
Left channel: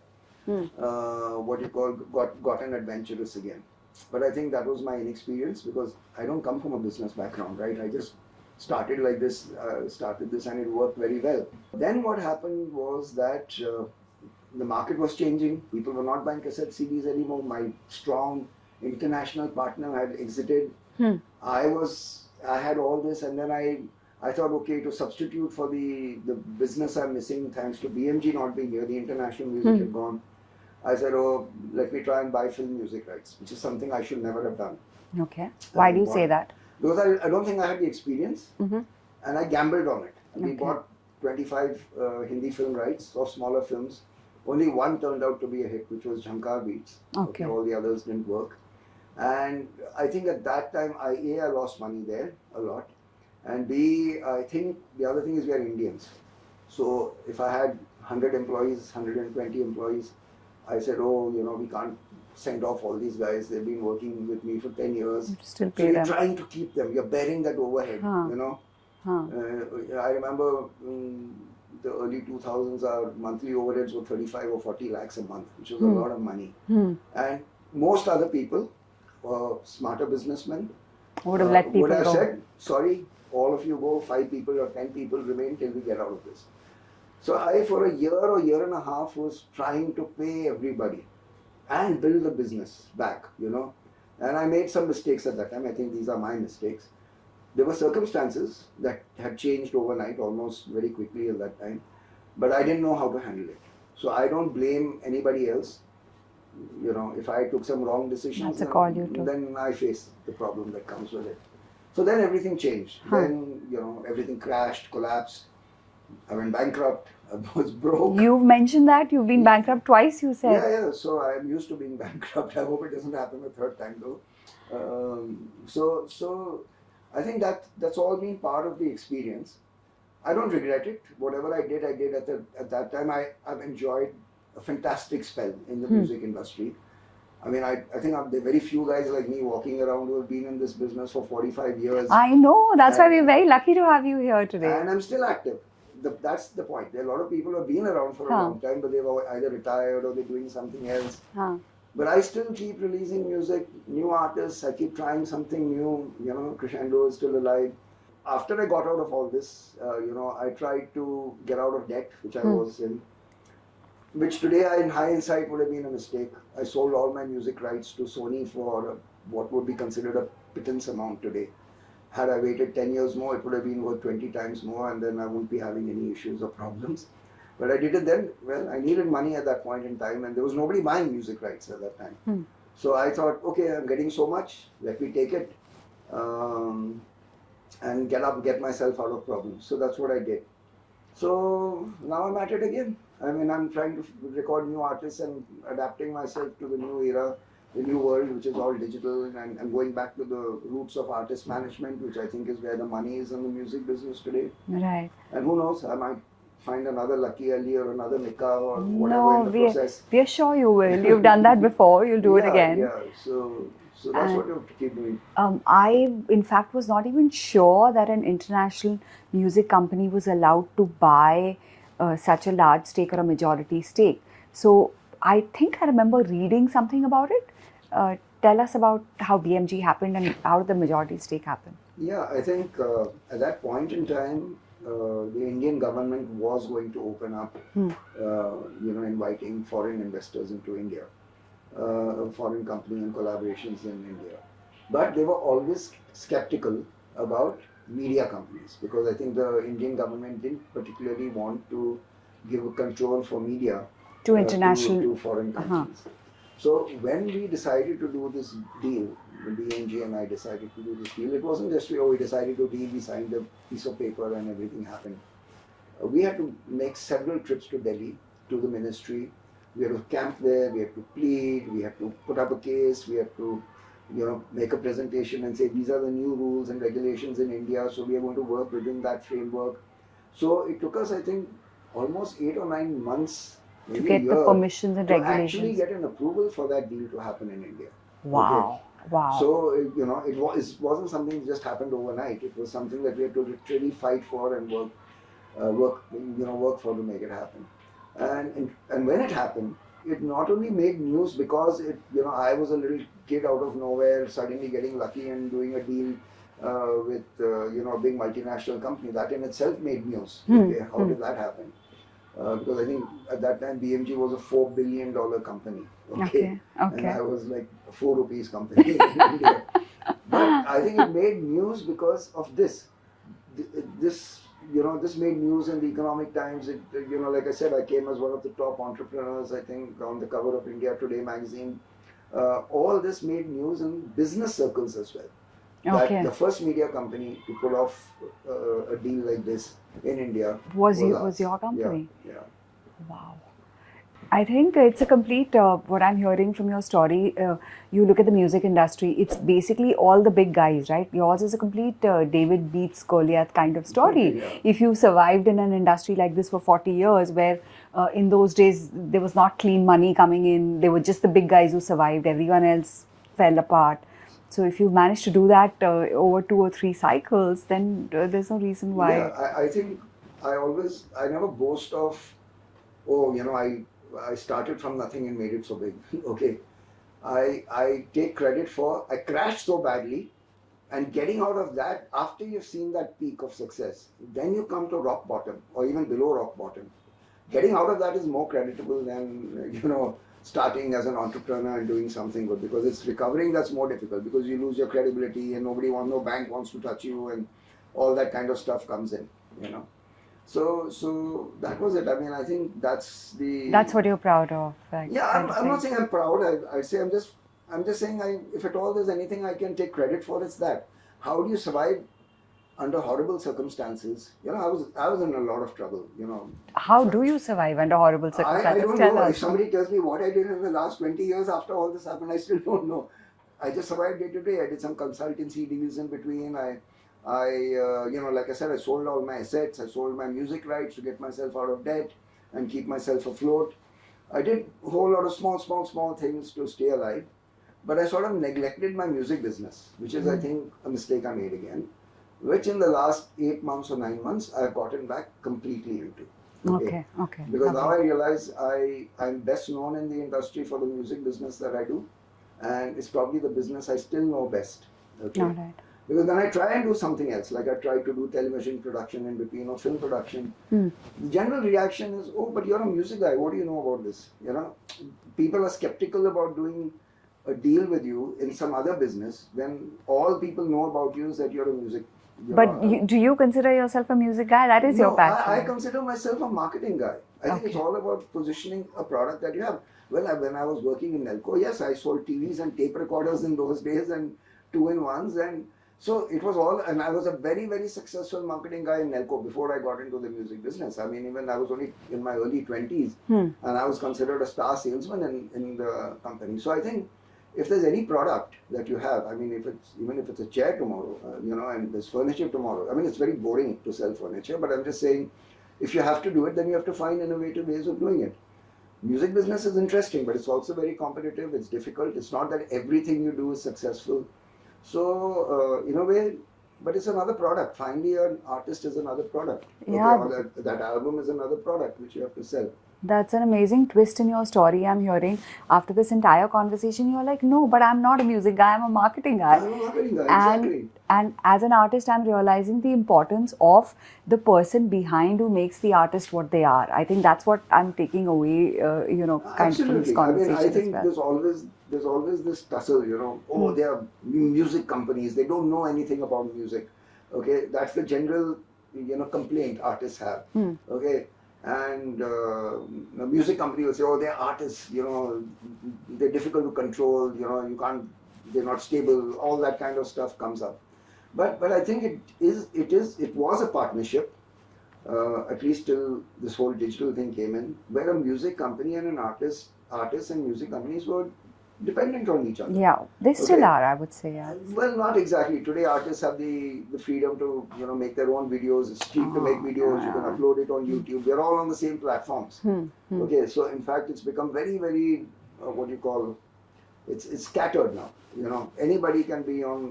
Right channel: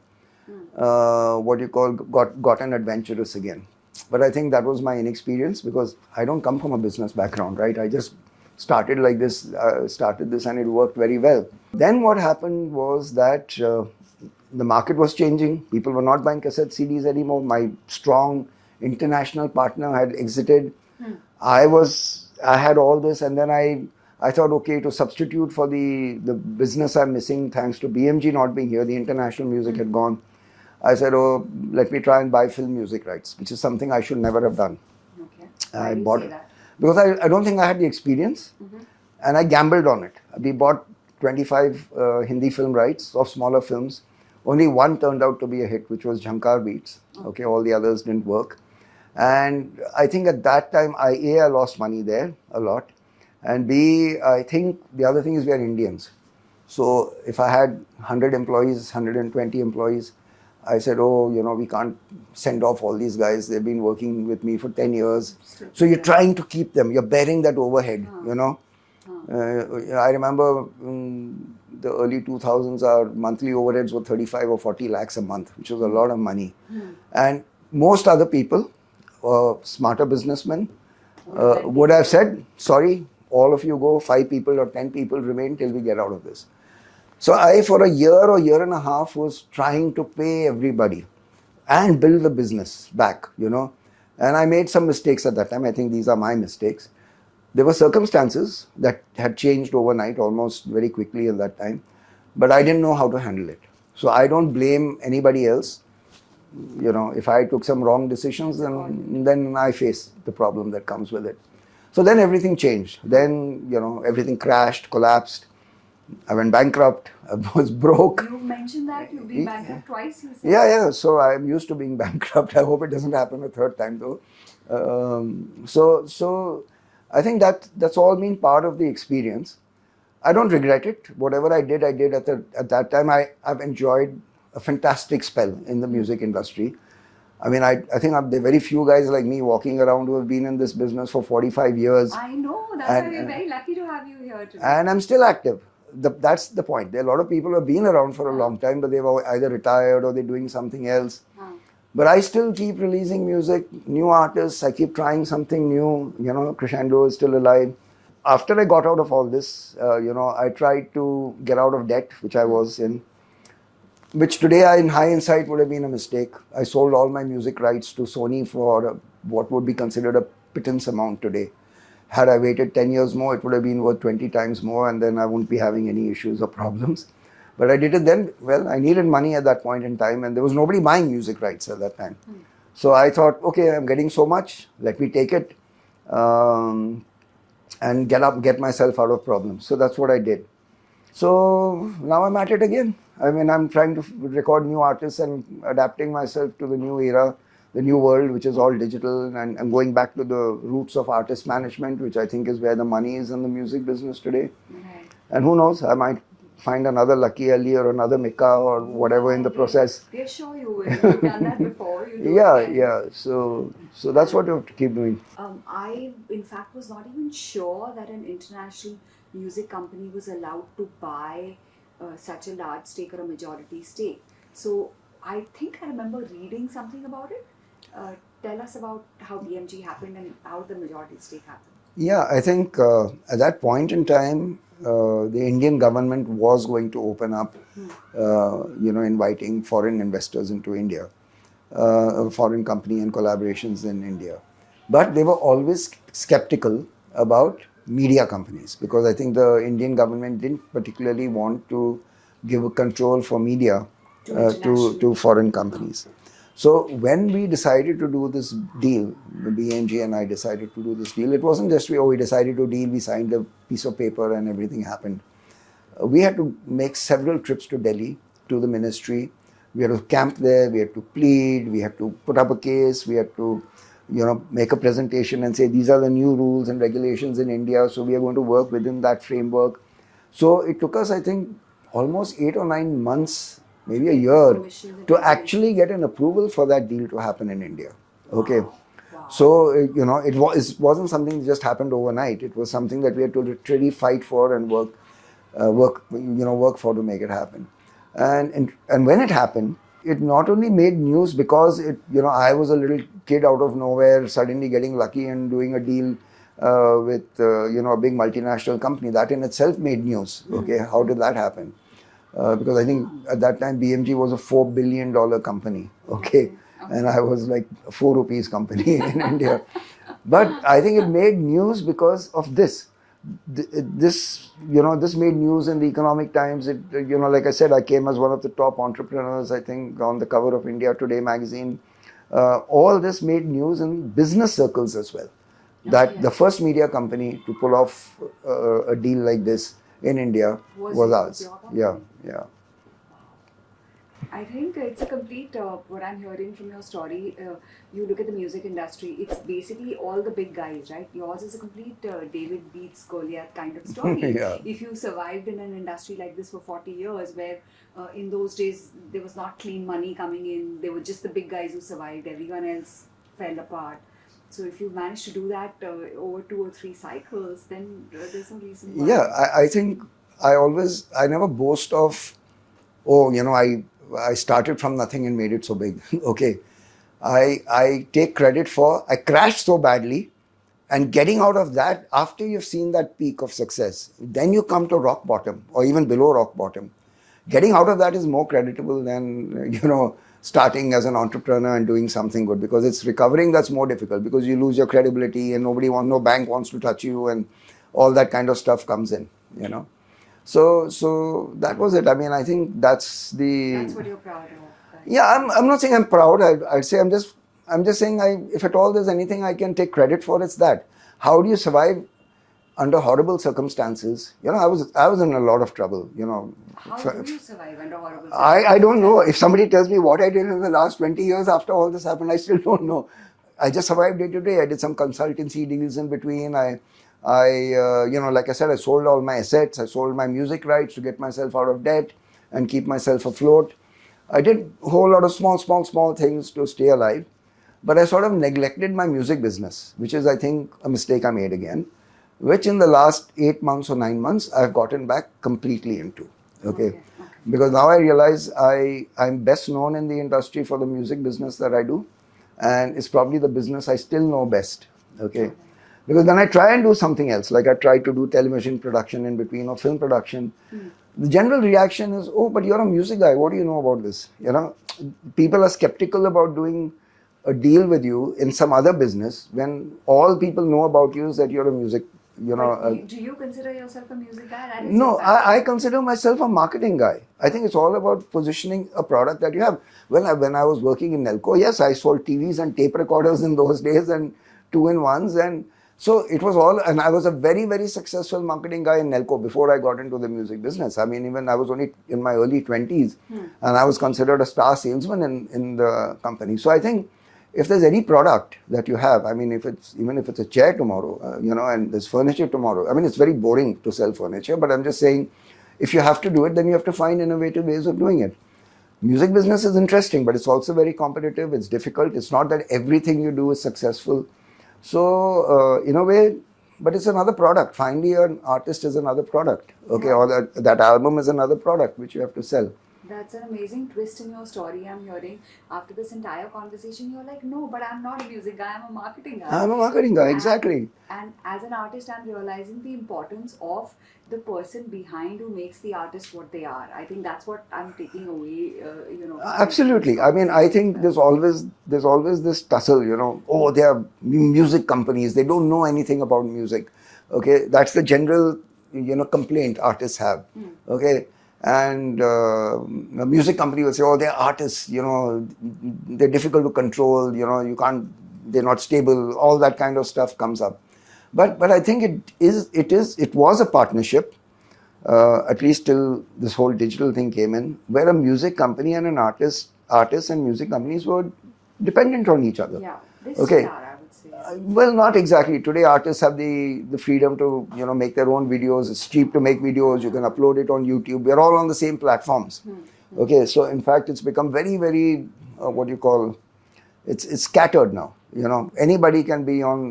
gotten adventurous again. But I think that was my inexperience because I don't come from a business background, right? I just started like this, and it worked very well. Then what happened was that the market was changing. People were not buying cassette CDs anymore. My strong international partner had exited. I had all this, and then I thought, okay, to substitute for the business I'm missing, thanks to BMG not being here, the international music had gone. I said, oh, let me try and buy film music rights, which is something I should never have done. Okay. Why do you say that? Because I don't think I had the experience, and I gambled on it. We bought 25 Hindi film rights of smaller films. Only one turned out to be a hit, which was Jhankar Beats. Okay, all the others didn't work. And I think at that time, I lost money there a lot. And B, I think the other thing is we are Indians. So if I had 100 employees, 120 employees, I said, oh, we can't send off all these guys. They've been working with me for 10 years. So you're trying to keep them. You're bearing that overhead, I remember the early 2000s, our monthly overheads were 35 or 40 lakhs a month, which was a lot of money. And most other people, smarter businessmen, would have said, sorry, all of you go, 5 people or 10 people remain till we get out of this. So I, for a year or year and a half, was trying to pay everybody and build the business back, And I made some mistakes at that time. I think these are my mistakes. There were circumstances that had changed overnight, almost very quickly at that time. But I didn't know how to handle it. So I don't blame anybody else. If I took some wrong decisions, then I face the problem that comes with it. So then everything changed. Then, everything crashed, collapsed. I went bankrupt. I was broke. You mentioned that you've been bankrupt twice, you said. Yeah. So I'm used to being bankrupt. I hope it doesn't happen a third time though. So I think that's all been part of the experience. I don't regret it. Whatever I did at that time. I've enjoyed a fantastic spell in the music industry. I mean, I think there are very few guys like me walking around who have been in this business for 45 years. I know. That's why we're very lucky to have you here today. And I'm still active. That's the point. There are a lot of people who have been around for a long time, but they've either retired or they're doing something else. But I still keep releasing music, new artists. I keep trying something new. Crescendo is still alive. After I got out of all this, I tried to get out of debt, which I was in. Which today, in hindsight, would have been a mistake. I sold all my music rights to Sony for what would be considered a pittance amount today. Had I waited 10 years more, it would have been worth 20 times more, and then I wouldn't be having any issues or problems. But I did it then. Well, I needed money at that point in time, and there was nobody buying music rights at that time. So I thought, okay, I'm getting so much, let me take it and get myself out of problems. So that's what I did. So now I'm at it again. I mean, I'm trying to record new artists and adapting myself to the new era. the new world, which is all digital, and going back to the roots of artist management, which I think is where the money is in the music business today. Right. And who knows, I might find another luckyali or another Mika or whatever in the process. We are sure you will. You've done that before. You'll do it again. Yeah. So that's what you have to keep doing. I, in fact, was not even sure that an international music company was allowed to buy such a large stake or a majority stake. So I think I remember reading something about it. Tell us about how BMG happened and how the majority stake happened. Yeah, I think at that point in time, the Indian government was going to open up, inviting foreign investors into India, foreign company and collaborations in India. But they were always skeptical about media companies, because I think the Indian government didn't particularly want to give control for media to foreign companies. So when we decided to do this deal, the BMG and I decided to do this deal, it wasn't just we decided to deal, we signed a piece of paper and everything happened. We had to make several trips to Delhi, to the ministry. We had to camp there, we had to plead, we had to put up a case, we had to make a presentation and say these are the new rules and regulations in India, so we are going to work within that framework. So it took us, I think, almost 8 or 9 months, maybe a year, to actually get an approval for that deal to happen in India. Wow. Okay. Wow. So, it wasn't something that just happened overnight. It was something that we had to literally fight for and work for to make it happen. And when it happened, it not only made news because I was a little kid out of nowhere, suddenly getting lucky and doing a deal with a big multinational company. That in itself made news. Okay, how did that happen? Because I think at that time BMG was a $4 billion company. Okay. And I was like a 4 rupees company in India. But I think it made news because of this. This made news in the Economic Times. It, like I said, I came as one of the top entrepreneurs, I think, on the cover of India Today magazine. All this made news in business circles as well. That the first media company to pull off a deal like this in India was your company. Yeah. Wow. I think it's a complete, what I'm hearing from your story, you look at the music industry, it's basically all the big guys, right? Yours is a complete David beats Goliath kind of story. Yeah. If you survived in an industry like this for 40 years, where in those days there was not clean money coming in, they were just the big guys who survived, everyone else fell apart. So if you managed to do that over 2 or 3 cycles, then there's no reason why. Yeah, I think I never boast of, I started from nothing and made it so big. Okay. I take credit for, I crashed so badly, and getting out of that, after you've seen that peak of success, then you come to rock bottom or even below rock bottom. Getting out of that is more creditable than, starting as an entrepreneur and doing something good, because it's recovering that's more difficult, because you lose your credibility and no bank wants to touch you and all that kind of stuff comes in, So that was it. I mean, I think that's what you're proud of. Right? Yeah, I'm not saying I'm proud. I'd say I'm just saying if at all there's anything I can take credit for, it's that. How do you survive under horrible circumstances? I was in a lot of trouble, How do you survive under horrible circumstances? I don't know. If somebody tells me what I did in the last 20 years after all this happened, I still don't know. I just survived day to day. I did some consultancy deals in between. I like I said, I sold all my assets. I sold my music rights to get myself out of debt and keep myself afloat. I did a whole lot of small things to stay alive. But I sort of neglected my music business, which is, I think, a mistake I made again, which in the last 8 months or 9 months, I've gotten back completely into. Okay. Because now I realize I'm best known in the industry for the music business that I do. And it's probably the business I still know best. Okay. Right. Because when I try and do something else, like I try to do television production in between or film production, the general reaction is, oh, but you're a music guy. What do you know about this? People are skeptical about doing a deal with you in some other business when all people know about you is that you're a music. Do you consider yourself a music guy? That is your passion. I consider myself a marketing guy. I think it's all about positioning a product that you have. When I was working in Nelco, yes, I sold TVs and tape recorders in those days and 2-in-1s, and so it was all, and I was a very, very successful marketing guy in Nelco before I got into the music business. I mean, even I was only in my early 20s and I was considered a star salesman in the company. So I think if there's any product that you have, I mean, even if it's a chair tomorrow, and there's furniture tomorrow, I mean, it's very boring to sell furniture, but I'm just saying, if you have to do it, then you have to find innovative ways of doing it. Music business is interesting, but it's also very competitive. It's difficult. It's not that everything you do is successful. So, in a way, but it's another product. Finally, an artist is another product. Okay, Yeah. or that album is another product which you have to sell. That's an amazing twist in your story. I'm hearing after this entire conversation, you're like, no, but I'm not a music guy, I'm a marketing guy. I'm a marketing guy, exactly. And as an artist, I'm realizing the importance of the person behind who makes the artist what they are. I think that's what I'm taking away, Absolutely. I mean, I think there's always this tussle, they are music companies, they don't know anything about music. Okay, that's the general, complaint artists have. Okay. And a music company will say, oh, they're artists, they're difficult to control, you can't, they're not stable, all that kind of stuff comes up. But I think it was a partnership, at least till this whole digital thing came in, where a music company and an artist and music companies were dependent on each other. Yeah, they still are, I would say. Yeah. Well, not exactly. Today, artists have the freedom to make their own videos. It's cheap to make videos. You can upload it on YouTube. We're all on the same platforms. Okay, so in fact, it's become very, very it's scattered now. Anybody can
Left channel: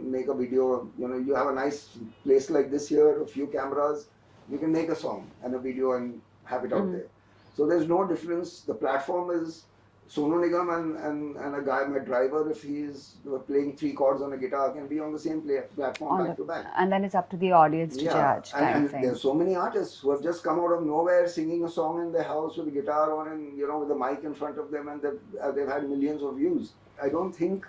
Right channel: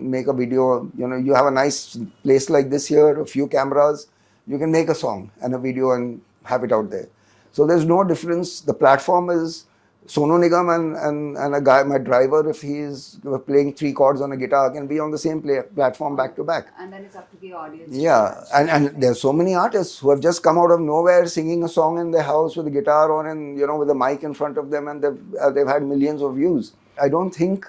make a video. You have a nice place like this here, a few cameras. You can make a song and a video and have it out there. So there's no difference. The platform is Sonu Nigam and a guy, my driver, if he's playing 3 chords on a guitar, can be on the same platform back to back. And then it's up to the audience to judge. And think. there's so many artists who have just come out of nowhere singing a song in their house with a guitar on and, with a mic in front of them, and they've had millions of views. I don't think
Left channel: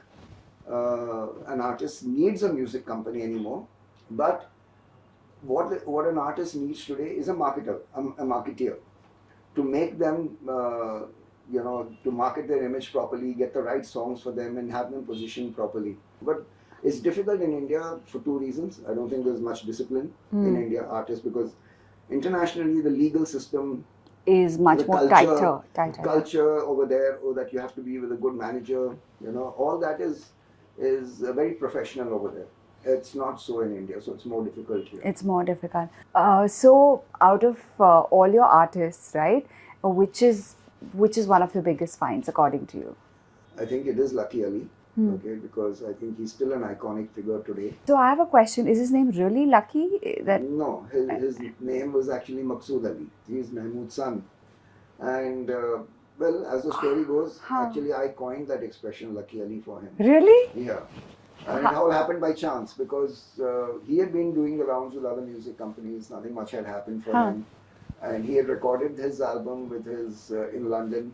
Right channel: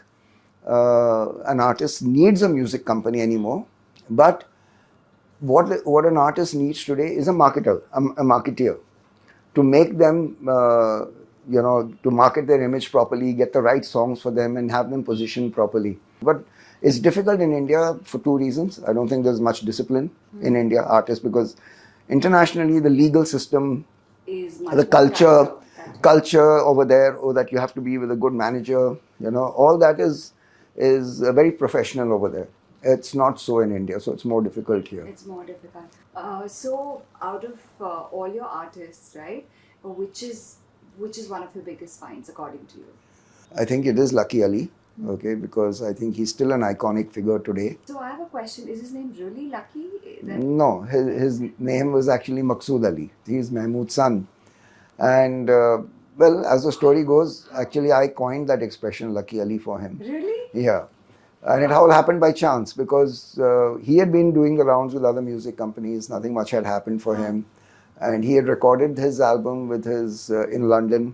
an artist needs a music company anymore, but what an artist needs today is a marketeer to make them to market their image properly, get the right songs for them and have them positioned properly. But it's difficult in India for 2 reasons. I don't think there's much discipline in India, artists, because internationally the legal system is much the more culture over there, or that you have to be with a good manager, all that is very professional over there. It's not so in India, so it's more difficult here. It's more difficult. So out of all your artists, right, which is one of your biggest finds according to you? I think it is Luckyali, okay, because I think he's still an iconic figure today. So I have a question. Is his name really Lucky? No, his name was actually Maqsood Ali. He's Mahmood's son. And well, as the story goes, actually I coined that expression Lucky Ali for him. Really? Yeah. And it all happened by chance because he had been doing the rounds with other music companies. Nothing much had happened for him. And he had recorded his album with in London.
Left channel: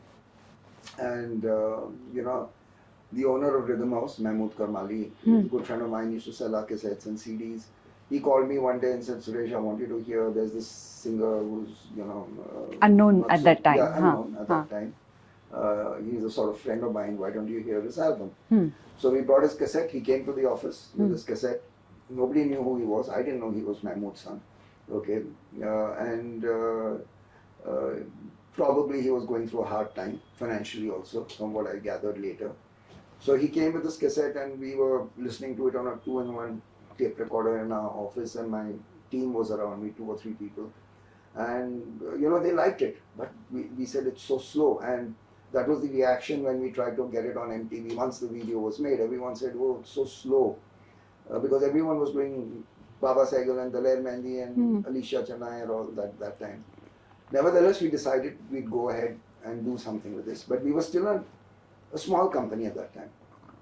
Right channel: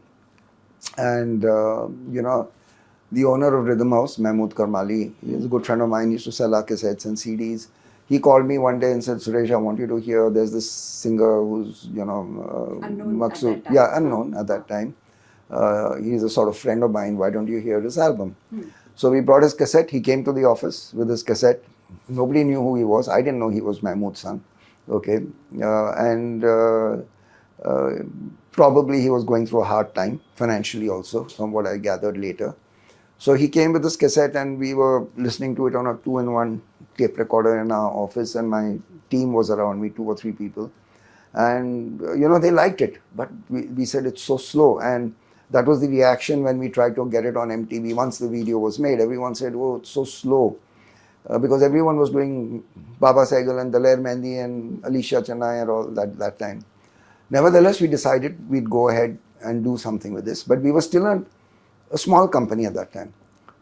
And, the owner of Rhythm House, Mahmood Karmali, he's a good friend of mine, he used to sell our cassettes and CDs. He called me one day and said, Suresh, I want you to hear, there's this singer who's, unknown Maqsood. at that time. Yeah, unknown at that time. He's a sort of friend of mine, why don't you hear his album? So we brought his cassette, he came to the office with his cassette. Nobody knew who he was. I didn't know he was Mahmood's son. Okay, probably he was going through a hard time financially also, from what I gathered later. So he came with this cassette and we were listening to it on a 2-in-1 tape recorder in our office, and my team was around me, 2 or 3 people. And, they liked it, but we said it's so slow. And that was the reaction when we tried to get it on MTV. Once the video was made, everyone said, oh, it's so slow. Because everyone was doing Baba Sehgal and Daler Mehndi and Alicia Chennai and all that time. Nevertheless, we decided we'd go ahead and do something with this. But we were still a small company at that time.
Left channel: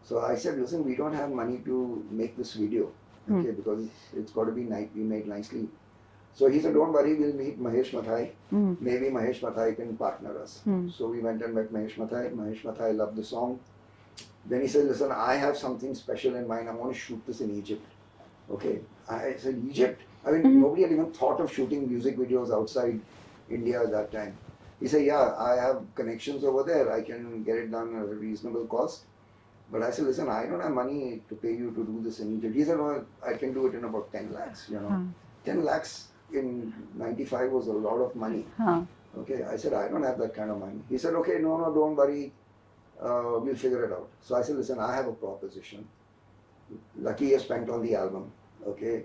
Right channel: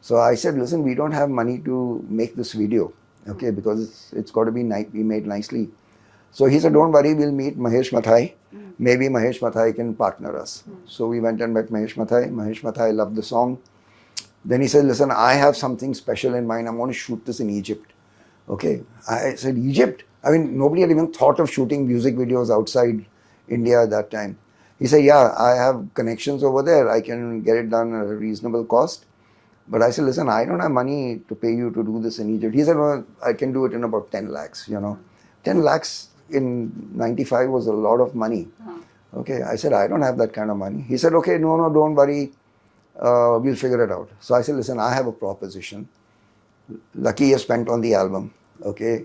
So I said, listen, we don't have money to make this video, okay, because it's got to be made nicely. So he said, don't worry, we'll meet Mahesh Mathai. Maybe Mahesh Mathai can partner us. So we went and met Mahesh Mathai. Mahesh Mathai loved the song. Then he said, listen, I have something special in mind. I'm going to shoot this in Egypt. Okay. I said, Egypt? I mean, nobody had even thought of shooting music videos outside India at that time. He said, yeah, I have connections over there. I can get it done at a reasonable cost. But I said, listen, I don't have money to pay you to do this in Egypt. He said, no, I can do it in about 10 lakhs, 10 lakhs in 95 was a lot of money. Okay. I said, I don't have that kind of money. He said, okay, no, don't worry. We'll figure it out. So I said, listen, I have a proposition. Lucky is spent on the album, okay?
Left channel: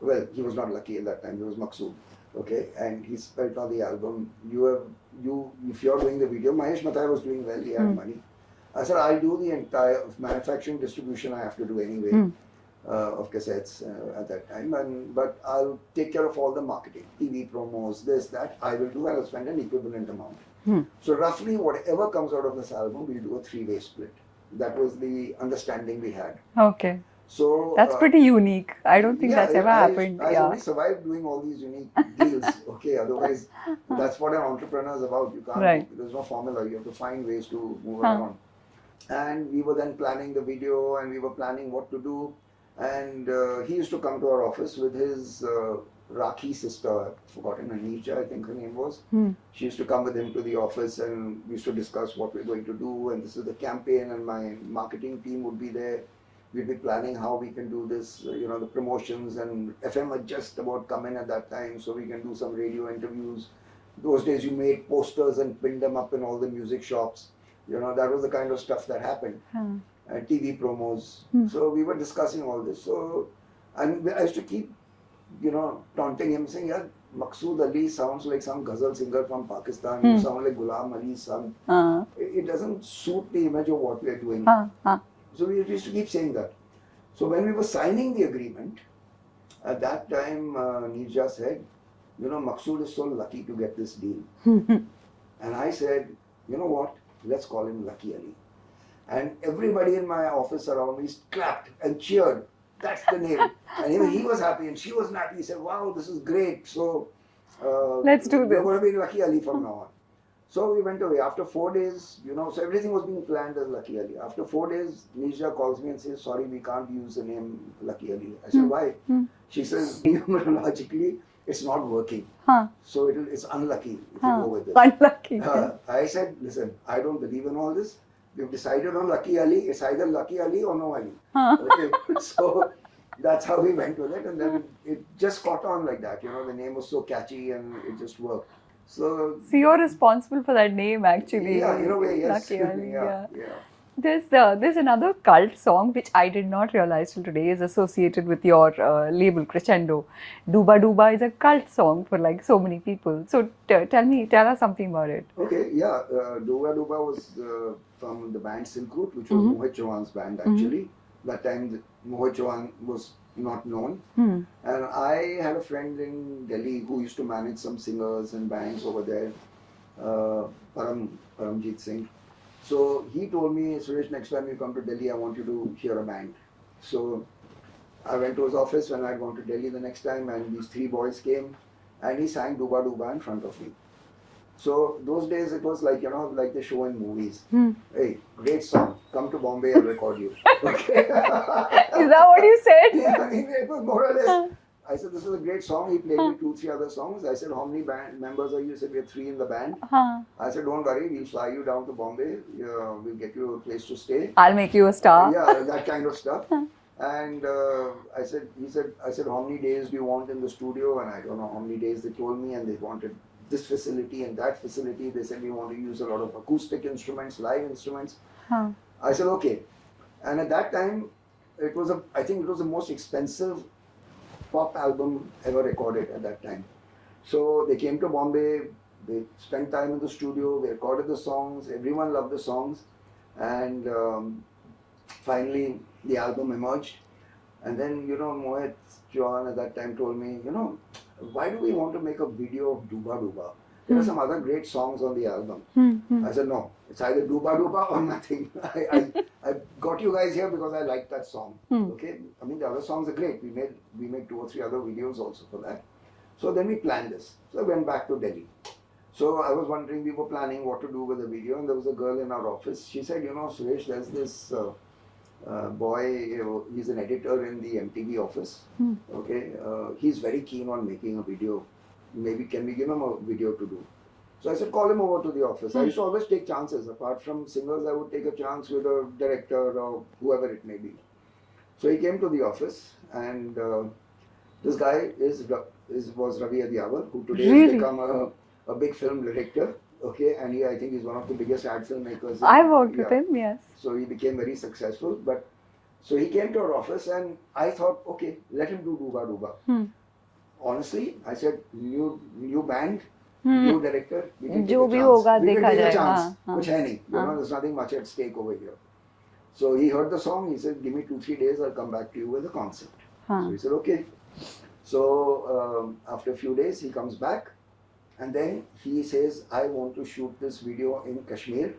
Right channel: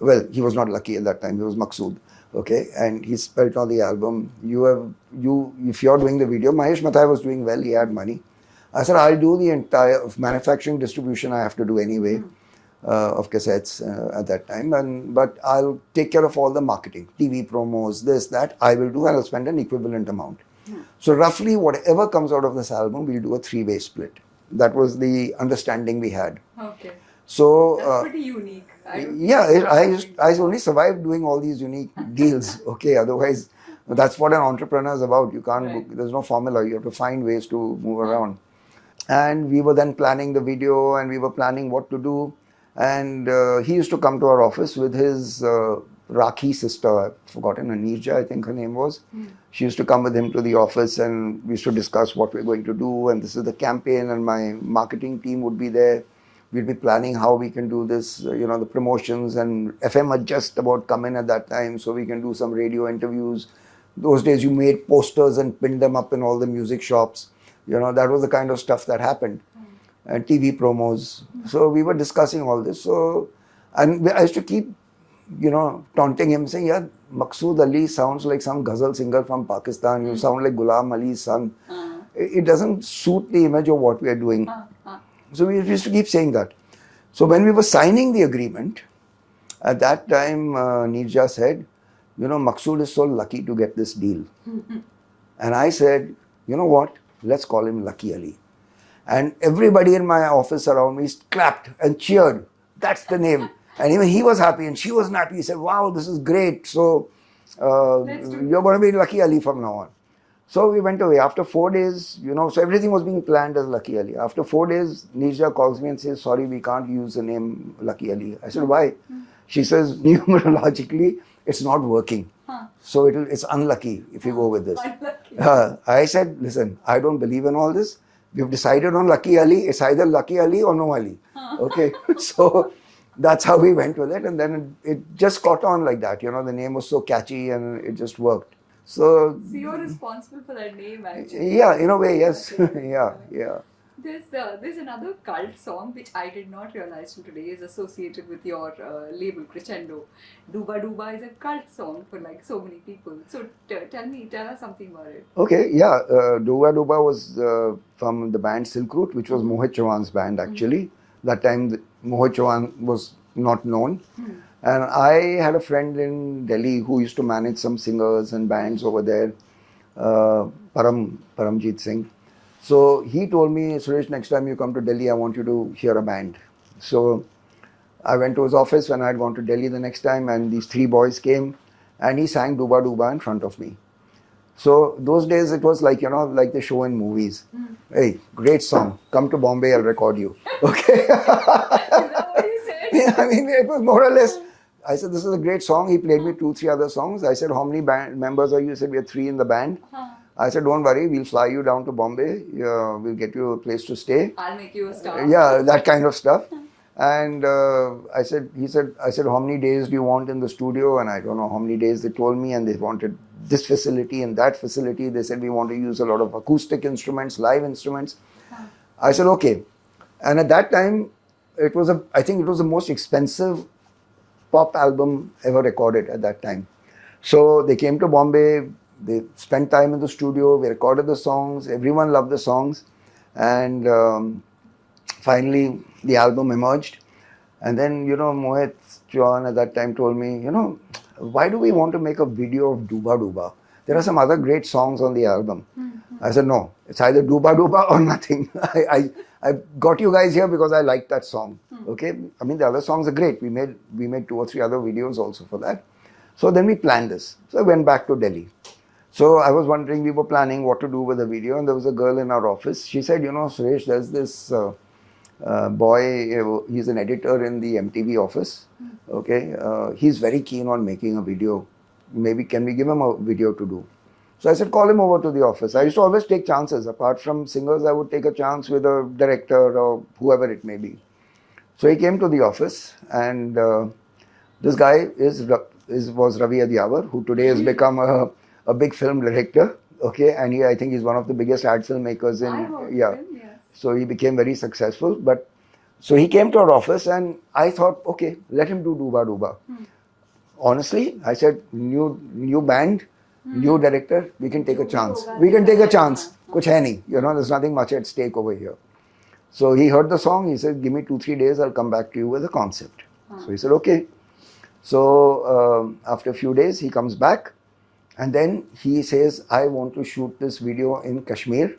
Well, he was not Lucky at that time, he was Maqsood, okay? And he spent on the album. If you're doing the video, Mahesh Mathai was doing well, he had money. I said, I'll do the entire manufacturing distribution I have to do anyway of cassettes at that time. But I'll take care of all the marketing, TV promos, this, that, I will do, and I'll spend an equivalent amount. So roughly whatever comes out of this album, we'll do a 3-way split. That was the understanding we had. Okay. So that's pretty unique. I don't think that ever happened. I only survived doing all these unique deals. Okay, otherwise that's what an entrepreneur is about. You can't. There's no formula. You have to find ways to move around. And we were then planning the video, and we were planning what to do. And he used to come to our office with his Rakhi sister. I've forgotten her, Nirja, I think her name was. She used to come with him to the office, and we used to discuss what we're going to do. And this is the campaign, and my marketing team would be there. We'd be planning how we can do this, the promotions, and FM had just about come in at that time, so we can do some radio interviews. Those days you made posters and pinned them up in all the music shops. That was the kind of stuff that happened. And TV promos. So we were discussing all this. And I used to keep, taunting him, saying, yeah, Maqsood Ali sounds like some ghazal singer from Pakistan. You sound like Ghulam Ali's son. It doesn't suit the image of what we are doing. So we used to keep saying that. So when we were signing the agreement, at that time, Nirja said, Maqsood is so lucky to get this deal. And I said, you know what? Let's call him Lucky Ali. And everybody in my office around me clapped and cheered. That's the name. And even he was happy and she was happy. He said, wow, this is great. So let's do this. We're going to be Lucky Ali from now on. So we went away. After 4 days, so everything was being planned as Lucky Ali. After 4 days, Nirja calls me and says, sorry, we can't use the name Lucky Ali. I said, why? She says, numerologically, it's not working. So it's unlucky if you go with this. Unlucky. I said, listen, I don't believe in all this. We've decided on Lucky Ali. It's either Lucky Ali or no Ali. Okay. So that's how we went with it. And then it just caught on like that. The name was so catchy and it just worked. So you're responsible for that name, actually. Yeah, in a way, yes. yeah. There's another cult song which I did not realize till today is associated with your label Crescendo. Dooba-Dooba is a cult song for like so many people. So tell us something about it. Okay, yeah. Dooba-Dooba was from the band Silk Route, which was Mohit Chauhan's band actually. That time Mohit Chauhan was not known. And I had a friend in Delhi who used to manage some singers and bands over there, Paramjeet Singh. So he told me, Suresh, next time you come to Delhi, I want you to hear a band. So I went to his office when I had gone to Delhi the next time, and these 3 boys came and he sang Dooba-Dooba in front of me. So those days it was like, like the show in movies. Hey, great song. Come to Bombay, I'll record you. Okay. Is that what you said? Yeah, I mean, it was more or less. I said, this is a great song. He played me 2-3 other songs. I said, how many band members are you? He said, we are 3 in the band. I said, don't worry, we'll fly you down to Bombay. We'll get you a place to stay. I'll make you a star. Yeah, that kind of stuff. And I said, how many days do you want in the studio? And I don't know how many days they told me, and they wanted this facility and that facility. They said, we want to use a lot of acoustic instruments, live instruments. I said, okay. And at that time, I think it was the most expensive pop album ever recorded at that time. So they came to Bombay, they spent time in the studio, we recorded the songs, everyone loved the songs. And finally, the album emerged. And then, Mohit Chauhan at that time told me, why do we want to make a video of Dooba-Dooba? There are some other great songs on the album. I said, no, it's either Dooba-Dooba or nothing. I got you guys here because I liked that song. Okay, I mean, the other songs are great. We made 2 or 3 other videos also for that. So then we planned this. So I went back to Delhi. So I was wondering, we were planning what to do with the video, and there was a girl in our office. She said, Suresh, there's this boy, he's an editor in the MTV office. Okay, he's very keen on making a video. Maybe can we give him a video to do? So I said, call him over to the office. I used to always take chances. Apart from singers, I would take a chance with a director or whoever it may be. So he came to the office, and this guy was Ravi Adiyawar, who today has become a big film director. Okay, and I think he's one of the biggest ad filmmakers. I worked with him, yes. So he became very successful. But so he came to our office, and I thought, okay, let him do Dooba-Dooba. Honestly, I said, new band, new director, we can take a chance. We can take a chance. Kuch hai nahi. There's nothing much at stake over here. So he heard the song. He said, give me 2-3 days. I'll come back to you with a concept. So he said, okay. So after a few days, he comes back. And then he says, I want to shoot this video in Kashmir.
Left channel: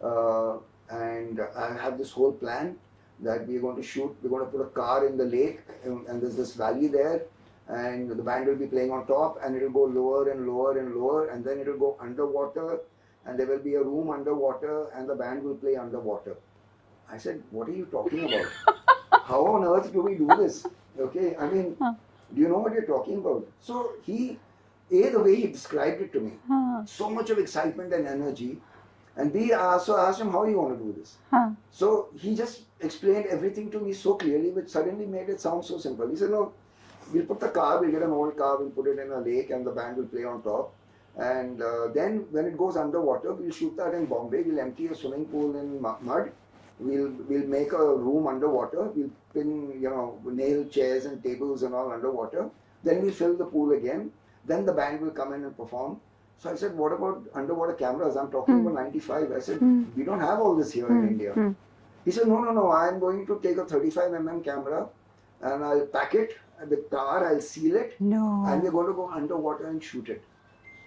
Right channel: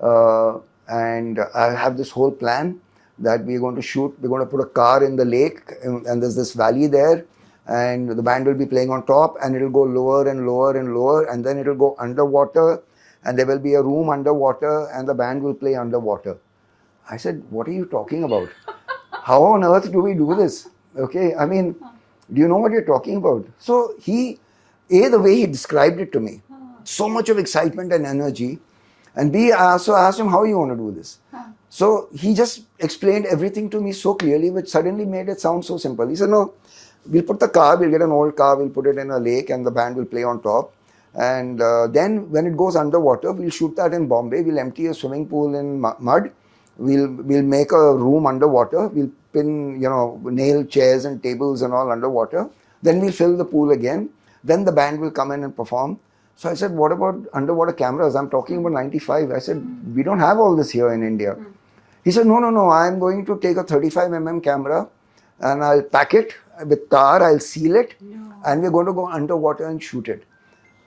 And I have this whole plan that we're going to shoot. We're going to put a car in the lake. And there's this valley there. And the band will be playing on top. And it'll go lower and lower and lower. And then it'll go underwater. And there will be a room underwater. And the band will play underwater. I said, what are you talking about? How on earth do we do this? Okay, I mean, do you know what you're talking about? So the way he described it to me, so much of excitement and energy. And B, I also asked him, how you want to do this? So he just explained everything to me so clearly, which suddenly made it sound so simple. He said, no, we'll put the car, we'll get an old car, we'll put it in a lake and the band will play on top. And then when it goes underwater, we'll shoot that in Bombay. We'll empty a swimming pool in mud. We'll make a room underwater. We'll pin, nail chairs and tables and all underwater. Then we'll fill the pool again. Then the band will come in and perform. So I said, what about underwater cameras? I'm talking about 95. I said, we don't have all this here in India. He said, no, I'm going to take a 35mm camera and I'll pack it with tar, I'll seal it. And we're going to go underwater and shoot it.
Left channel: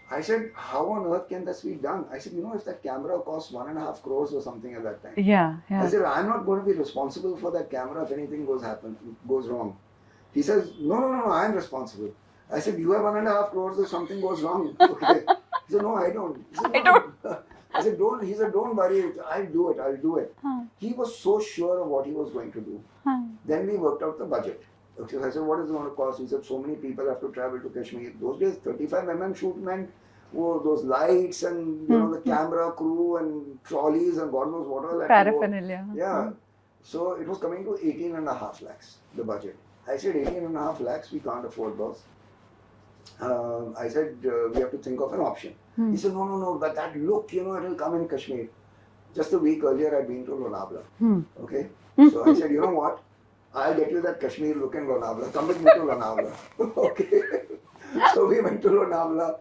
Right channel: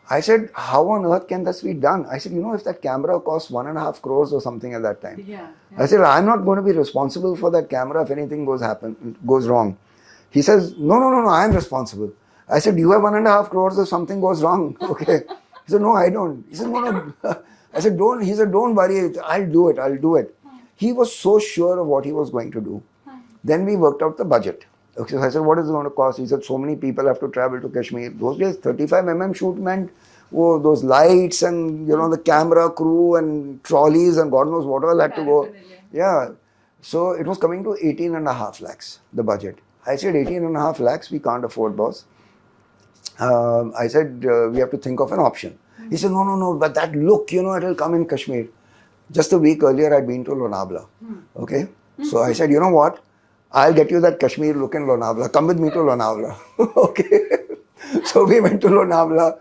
I said, how on earth can this be done? I said, if that camera costs 1.5 crores or something at that time. Yeah. I said, I'm not going to be responsible for that camera if anything goes wrong. He says, no, I'm responsible. I said, do you have 1.5 crores if something goes wrong? Okay. He said, no, I don't. He said, no. I said, don't. He said, don't worry. I'll do it. He was so sure of what he was going to do. Then we worked out the budget. Okay, so I said, what is it going to cost? He said, so many people have to travel to Kashmir. Those days, 35mm shoot meant those lights and, the camera crew and trolleys and God knows what all had to go. Yeah. So it was coming to 18.5 lakhs, the budget. I said, 18.5 lakhs, we can't afford, boss. I said, we have to think of an option. He said, no, but that look, it'll come in Kashmir. Just a week earlier, I'd been to Lonavala. Okay. So I said, you know what? I'll get you that Kashmir look in Lonavala. Come with me to Lonavala. Okay. So we went to Lonavala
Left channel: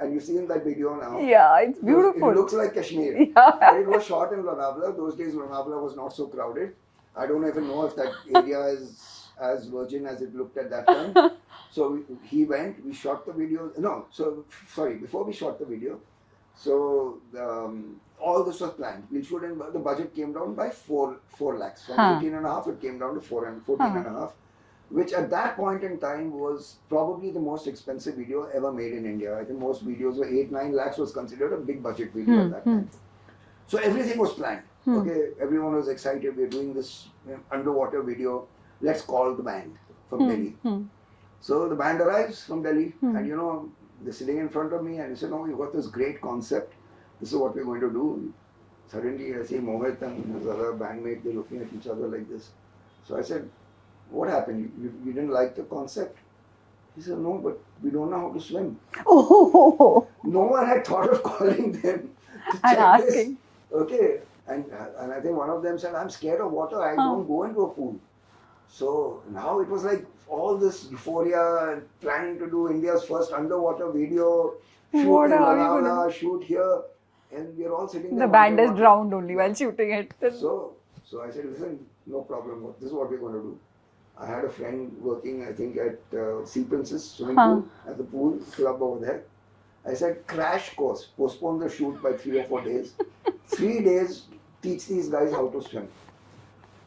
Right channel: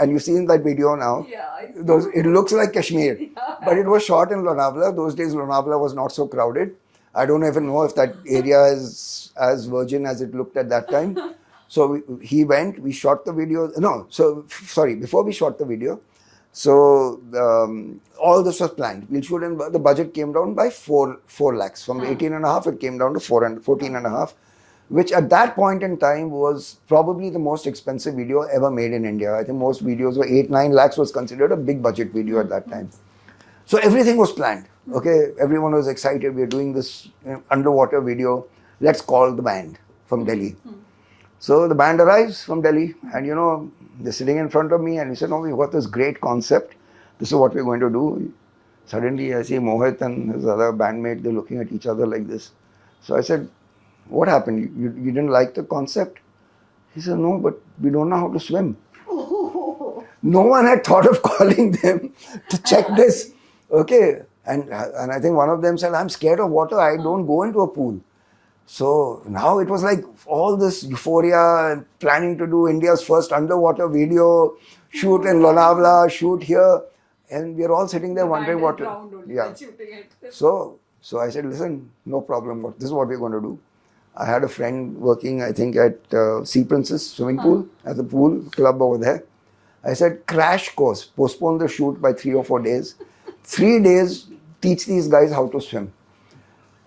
and you've seen that video now. Yeah, it's beautiful. It looks like Kashmir. Yeah. But it was shot in Lonavala. Those days Lonavala was not so crowded. I don't even know if that area is as virgin as it looked at that time. So he went, we shot the video. Before we shot the video, so all this was planned. We'll shoot in, the budget came down by 4 lakhs. From 18.5, it came down to 14.5, which at that point in time was probably the most expensive video ever made in India. I think most videos were 8-9 lakhs was considered a big budget video at that time. So everything was planned. Okay, everyone was excited. We're doing this underwater video. Let's call the band from Delhi. So the band arrives from Delhi and they're sitting in front of me and he said, no, we got this great concept. This is what we're going to do. Suddenly I see Mohit and his other bandmate, they're looking at each other like this. So I said, what happened? You didn't like the concept? He said, no, but we don't know how to swim. Oh. No one had thought of calling them to check this. Okay. And I think one of them said, I'm scared of water. I don't go into a pool. So now it was like all this euphoria and planning to do India's first underwater video, shoot in Lonavala, shoot here. And we're all sitting there wondering what... The band is drowned only while shooting it. So I said, listen, no problem. This is what we're going to do. I had a friend working, I think, at Sea Princess swimming pool, at the pool club over there. I said, crash course, postpone the shoot by 3 or 4 days. 3 days, teach these guys how to swim.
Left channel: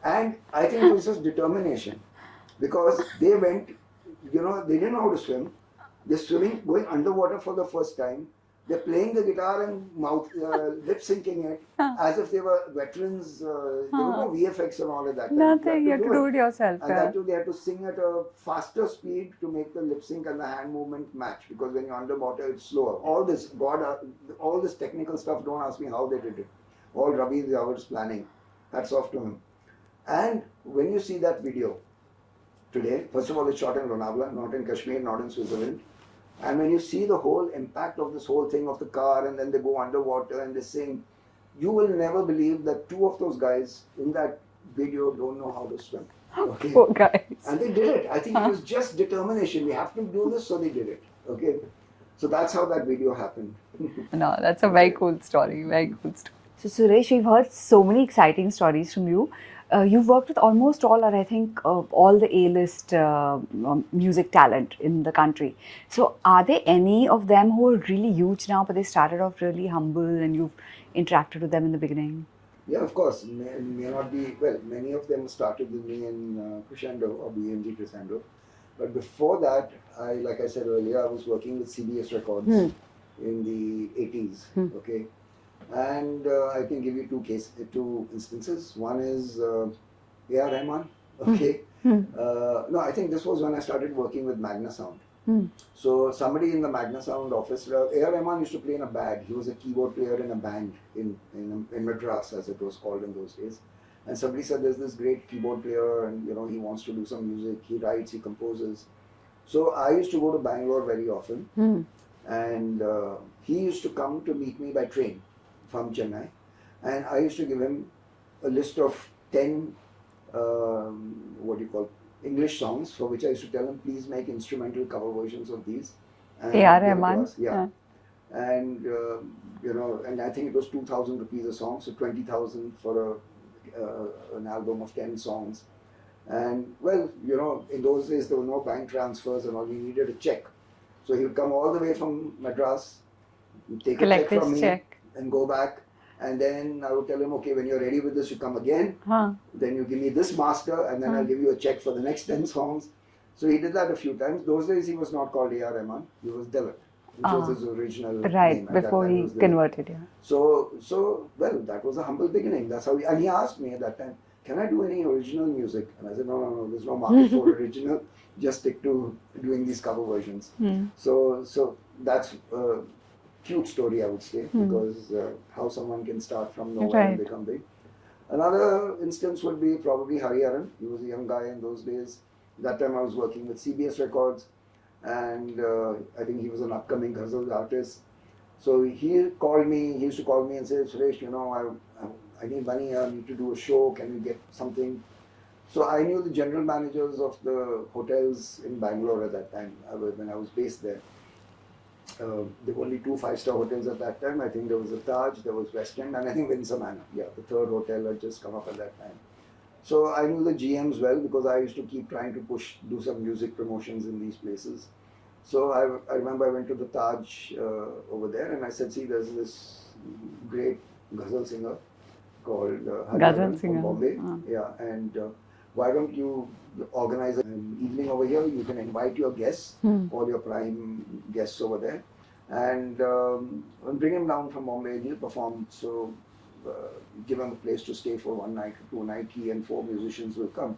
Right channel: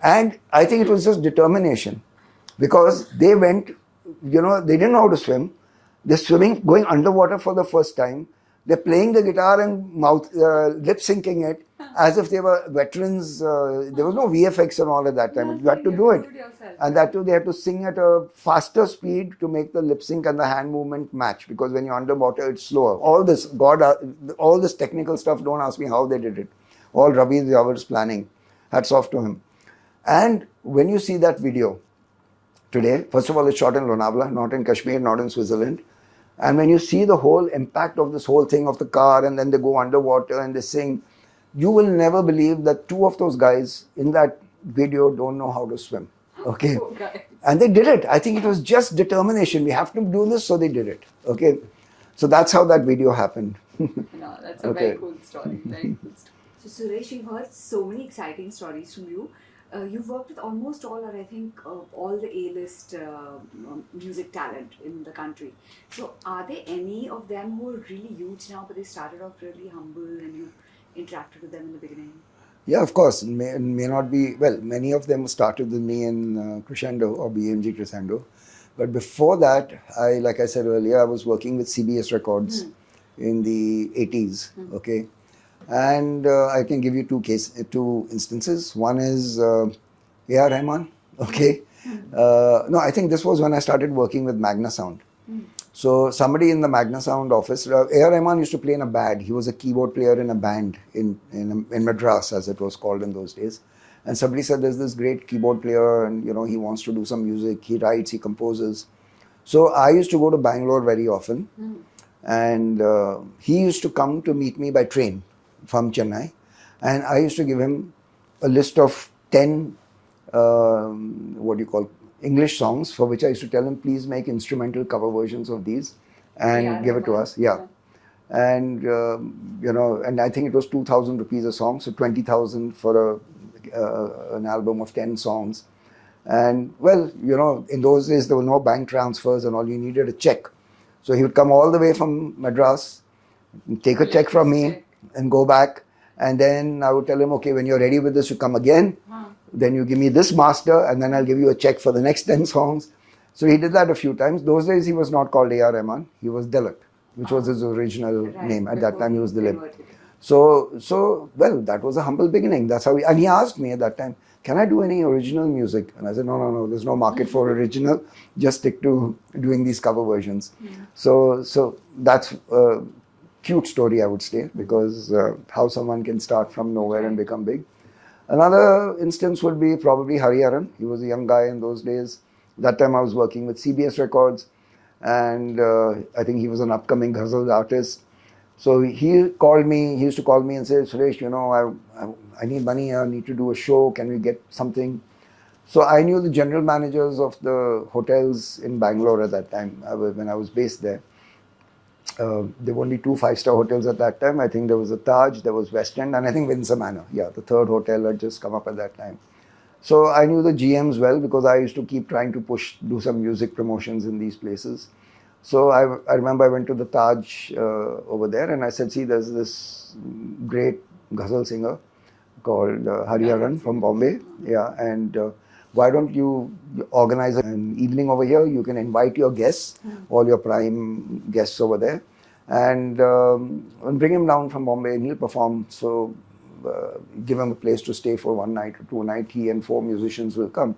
And I think it was just determination. Because they went, they didn't know how to swim. They're swimming, going underwater for the first time. They're playing the guitar and lip syncing it as if they were veterans. There was no VFX and all at that time. You had to do it yourself. And that too, they had to sing at a faster speed to make the lip sync and the hand movement match. Because when you're underwater, it's slower. All this technical stuff, don't ask me how they did it. All Ravi Jawar's planning. Hats off to him. And when you see that video today, first of all, it's shot in Lonavala, not in Kashmir, not in Switzerland. And when you see the whole impact of this whole thing of the car, and then they go underwater and they sing, you will never believe that two of those guys in that video don't know how to swim. Okay. Poor guys. And they did it. I think it was just determination. We have to do this, so they did it. Okay. So that's how that video happened. No, that's a very cool story. Very cool story. So Suresh, we've heard so many exciting stories from you. You've worked with almost all, or I think all the A-list music talent in the country. So are there any of them who are really huge now, but they started off really humble and you've interacted with them in the beginning? Yeah, of course. May not be, well, many of them started with me in Crescendo or BMG Crescendo. But before that, like I said earlier, I was working with CBS Records in the 80s. Okay. And I can give you two instances. One is A.R. Rahman. Okay. No, I think this was when I started working with Magna Sound. So somebody in the Magna Sound office, A.R. Rahman used to play in a band. He was a keyboard player in a band in Madras, as it was called in those days. And somebody said, there's this great keyboard player and, you know, he wants to do some music. He writes, he composes. So I used to go to Bangalore very often. And he used to come to meet me by train from Chennai. And I used to give him a list of 10, English songs, for which I used to tell him, please make instrumental cover versions of these and give it to us. Yeah. And, you know, and I think it was 2,000 rupees a song, so 20,000 for an album of 10 songs. And, well, you know, in those days, there were no bank transfers and all. You needed a check. So he would come all the way from Madras, take a check from me and go back. And then I would tell him, okay, when you're ready with this, you come again. Then you give me this master, and then I'll give you a check for the next 10 songs. So he did that a few times. Those days, he was not called A.R. Rahman. He was Dilip, which was his original name. At that time, he was Dilip. Converted, yeah. So, well, that was a humble beginning. That's how and he asked me at that time, can I do any original music? And I said, no, there's no market for original. Just stick to doing these cover versions. So that's cute story, I would say, because how someone can start from nowhere and become big. Another instance would be probably Hariharan. He was a young guy in those days. That time I was working with CBS Records, and I think he was an upcoming ghazal artist. So he called me, he used to call me and say, Suresh, you know, I need money, I need to do a show, can we get something? So I knew the general managers of the hotels in Bangalore at that time, when I was based there. There were only 2 5-star hotels at that time. I think there was a Taj, there was West End, and I think Windsor Manor. Yeah, the third hotel had just come up at that time. So I knew the GMs well because I used to keep trying to do some music promotions in these places. So I remember I went to the Taj over there and I said, see, there's this great ghazal singer called Hariharan from Bombay. Yeah, and why don't you organize an evening over here? You can invite your guests, all your prime guests over there, and bring him down from Bombay and he'll perform. So give him a place to stay for 1 night or 2 nights. He and 4 musicians will come.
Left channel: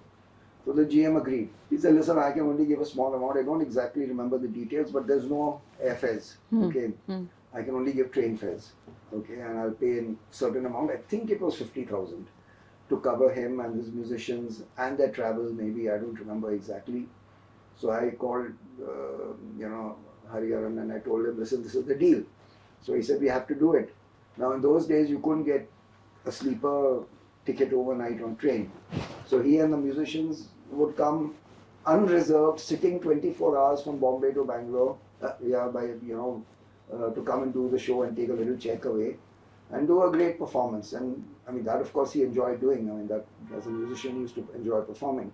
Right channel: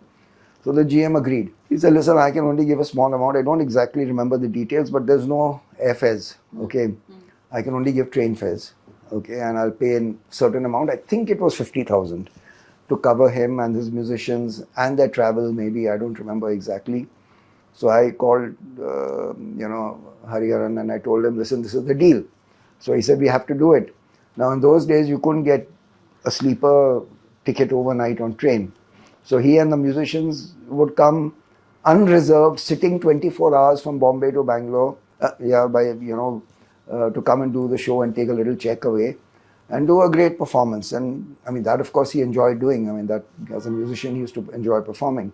So the GM agreed. He said, listen, I can only give a small amount. I don't exactly remember the details, but there's no airfares. Okay, I can only give train fares. Okay, and I'll pay a certain amount. I think it was 50,000 to cover him and his musicians and their travel, maybe, I don't remember exactly. So I called, Hariharan and I told him, listen, this is the deal. So he said, we have to do it. Now in those days, you couldn't get a sleeper ticket overnight on train. So he and the musicians would come unreserved, sitting 24 hours from Bombay to Bangalore, to come and do the show and take a little check away. And do a great performance. And I mean, that of course he enjoyed doing. I mean, that as a musician, he used to enjoy performing.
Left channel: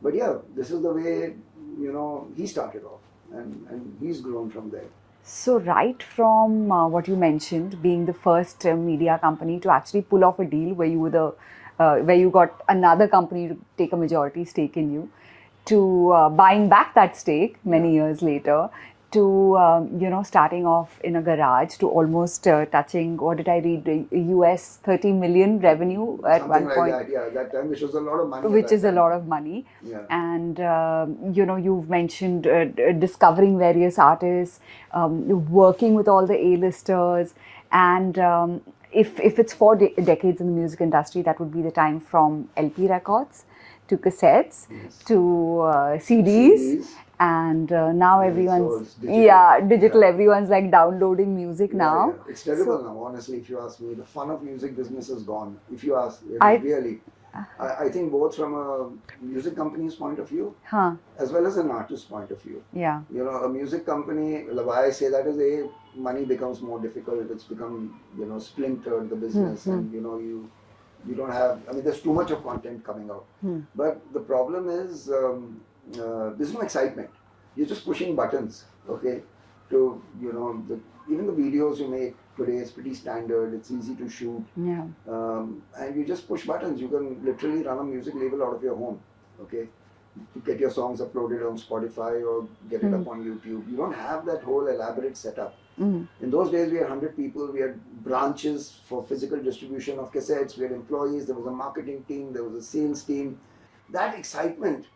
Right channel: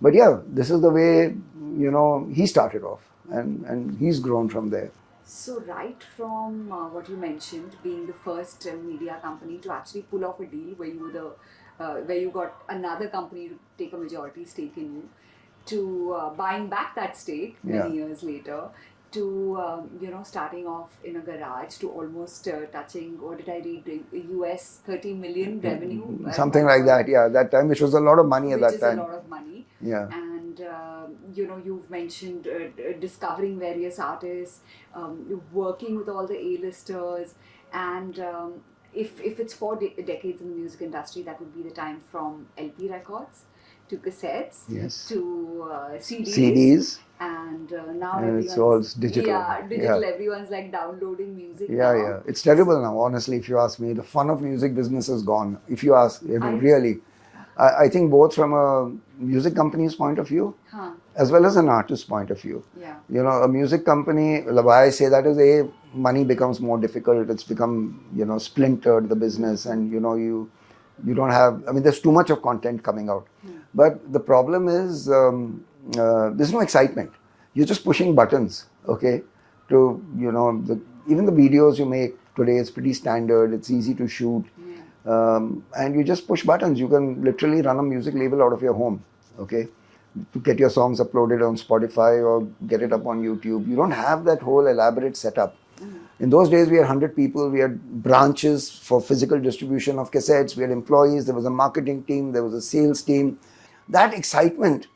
But yeah, this is the way, he started off. And he's grown from there. So right from what you mentioned, being the first media company to actually pull off a deal where you were where you got another company to take a majority stake in you, to buying back that stake many years later, to starting off in a garage, to almost touching, what did I read, US 30 million revenue something like that, yeah, that time, which was a lot of money which is a lot of money. Yeah. And you've mentioned discovering various artists, working with all the A-listers, and if it's 4 decades in the music industry, that would be the time from LP records to cassettes, Yes. to CDs. CDs. And now And it's all everyone's digital. digital. Yeah. Everyone's like downloading music Yeah, now. yeah. It's terrible now, honestly, if you ask me. The fun of music business is gone. If you ask, really. I think both from a music company's point of view, as well as an artist's point of view. Yeah. You know, a music company, why I say that is money becomes more difficult. It's become, splintered, the business, and, you don't have, I mean, there's too much of content coming out. But the problem is, there's no excitement. You're just pushing buttons, okay? To, even the videos you make today, it's pretty standard, it's easy to shoot. Yeah. And you just push buttons. You can literally run a music label out of your home, okay? To get your songs uploaded on Spotify or get it up on YouTube. You don't have that whole elaborate setup. In those days, we had 100 people, we had branches for physical distribution of cassettes, we had employees, there was a marketing team, there was a sales team. That excitement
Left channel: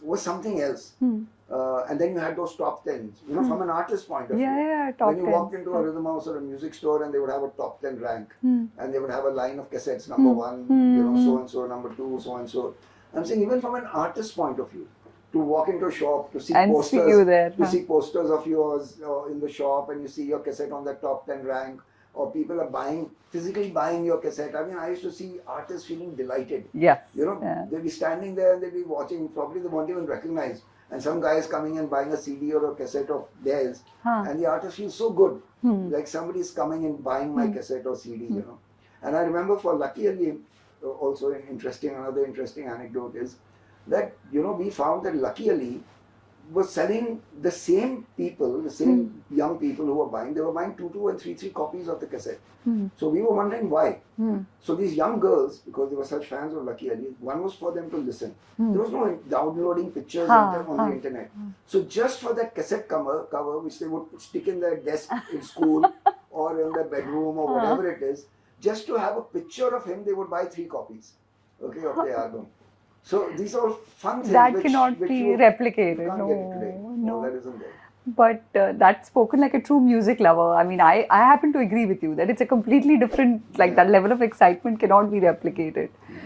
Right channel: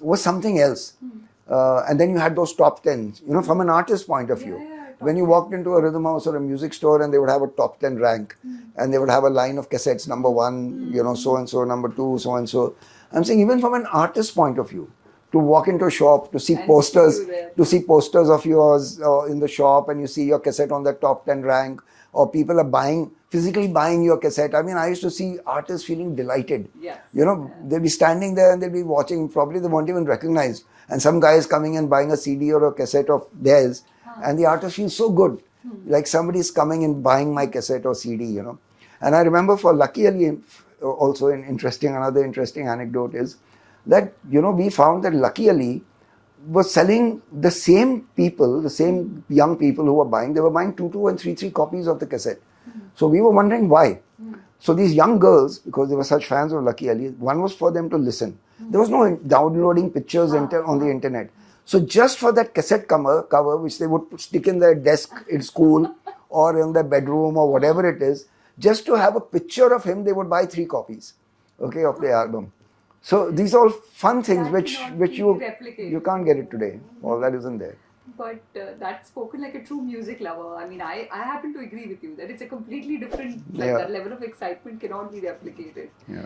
was something else. And then you had those top 10s, from an artist's point of view. When you walked into a rhythm house or a music store and they would have a top 10 rank and they would have a line of cassettes, number one, so-and-so, number two, so-and-so. I'm saying even from an artist's point of view, to walk into a shop, to see see posters of yours in the shop and you see your cassette on the top 10 rank, or people are physically buying your cassette. I mean, I used to see artists feeling delighted. Yes. They'll be standing there and they'll be watching, probably they won't even recognize. And some guy is coming and buying a CD or a cassette of theirs, and the artist feels so good. Like somebody's coming and buying my cassette or CD, And I remember for luckyali, also another interesting anecdote is that, we found that luckyali was selling the same people, the same young people who were buying, they were buying 2 and 3 copies of the cassette. So we were wondering why. So these young girls, because they were such fans of luckyali, one was for them to listen. There was no downloading pictures on the internet. So just for that cassette cover, which they would stick in their desk in school or in their bedroom or whatever it is, just to have a picture of him, they would buy 3 copies, okay, of the album. So these are all fun things that which you replicated. You can't get it today. All that isn't there. But that's spoken like a true music lover. I mean, I happen to agree with you that it's a completely different, that level of excitement cannot be replicated. Yeah.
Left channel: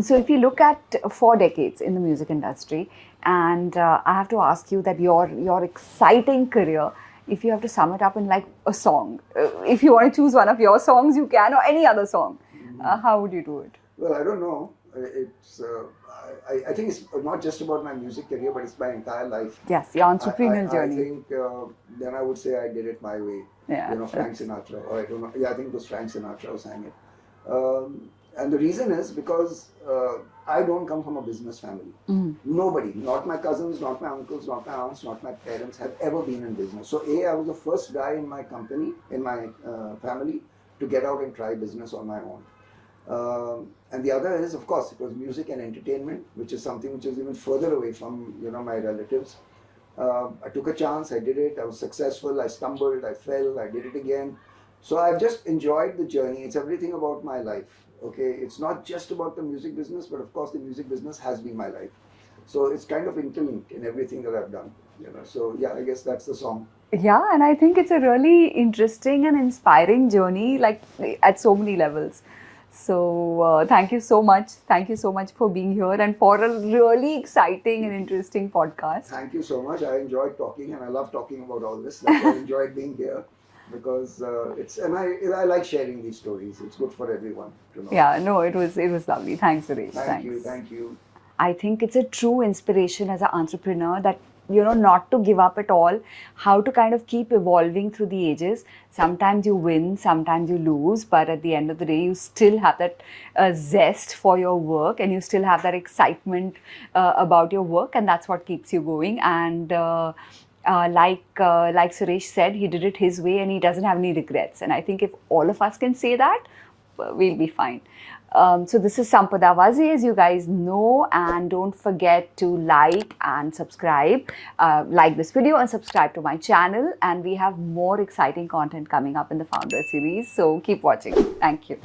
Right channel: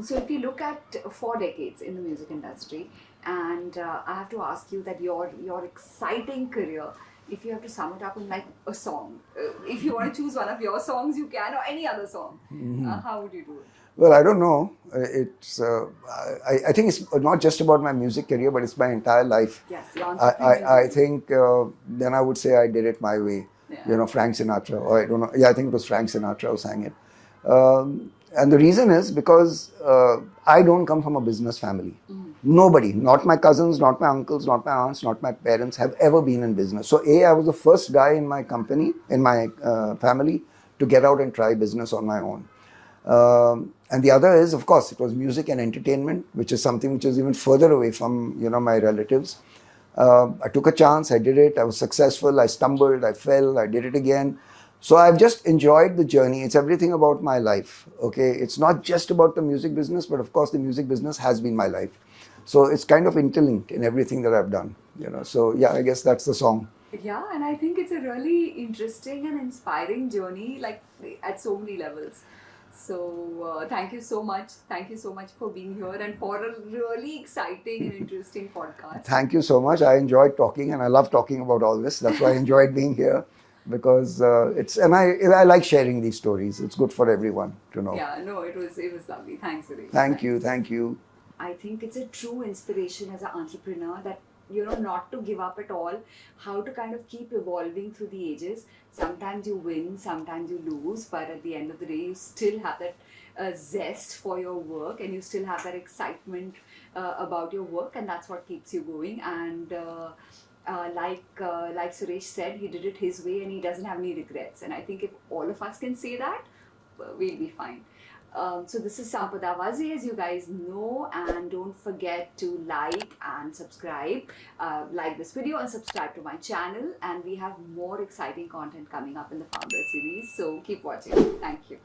So if you look at 4 decades in the music industry, and I have to ask you that your exciting career, if you have to sum it up in like a song, if you want to choose one of your songs, you can, or any other song, how would you do it? Well, I don't know. It's I think it's not just about my music career, but it's my entire life. Yes, your entrepreneurial journey. I think then I would say I did it my way. Yeah. Frank Sinatra, or I don't know. Yeah, I think it was Frank Sinatra who sang it. And the reason is because I don't come from a business family. Nobody, not my cousins, not my uncles, not my aunts, not my parents have ever been in business. So I was the first guy in my company, in my family, to get out and try business on my own. And the other is, of course, it was music and entertainment, which is something which is even further away from, my relatives. I took a chance, I did it, I was successful, I stumbled, I fell, I did it again. So I've just enjoyed the journey. It's everything about my life, okay? It's not just about the music business, but of course the music business has been my life. So it's kind of interlinked in everything that I've done, So yeah, I guess that's the song. Yeah, and I think it's a really interesting and inspiring journey, like at so many levels. So thank you so much. Thank you so much for being here and for a really exciting and interesting podcast. Thank you so much. I enjoyed talking and I love talking about all this. That's why I enjoyed being here, because I like sharing these stories. It's good for everyone to know. Yeah, no, it was lovely. Thanks, Suresh. Thank you. I think it's a true inspiration as an entrepreneur that, not to give up at all, how to kind of keep evolving through the ages. Sometimes you win, sometimes you lose, but at the end of the day, you still have that zest for your work and you still have that excitement about your work, and that's what keeps you going. And like Suresh said, he did it his way and he doesn't have any regrets. And I think if all of us can say that, we'll be fine. So this is Sampada Wazi, as you guys know, and don't forget to like and subscribe. Like this video and subscribe to my channel, and we have more exciting content coming up in the Founder series, so keep watching. Thank you.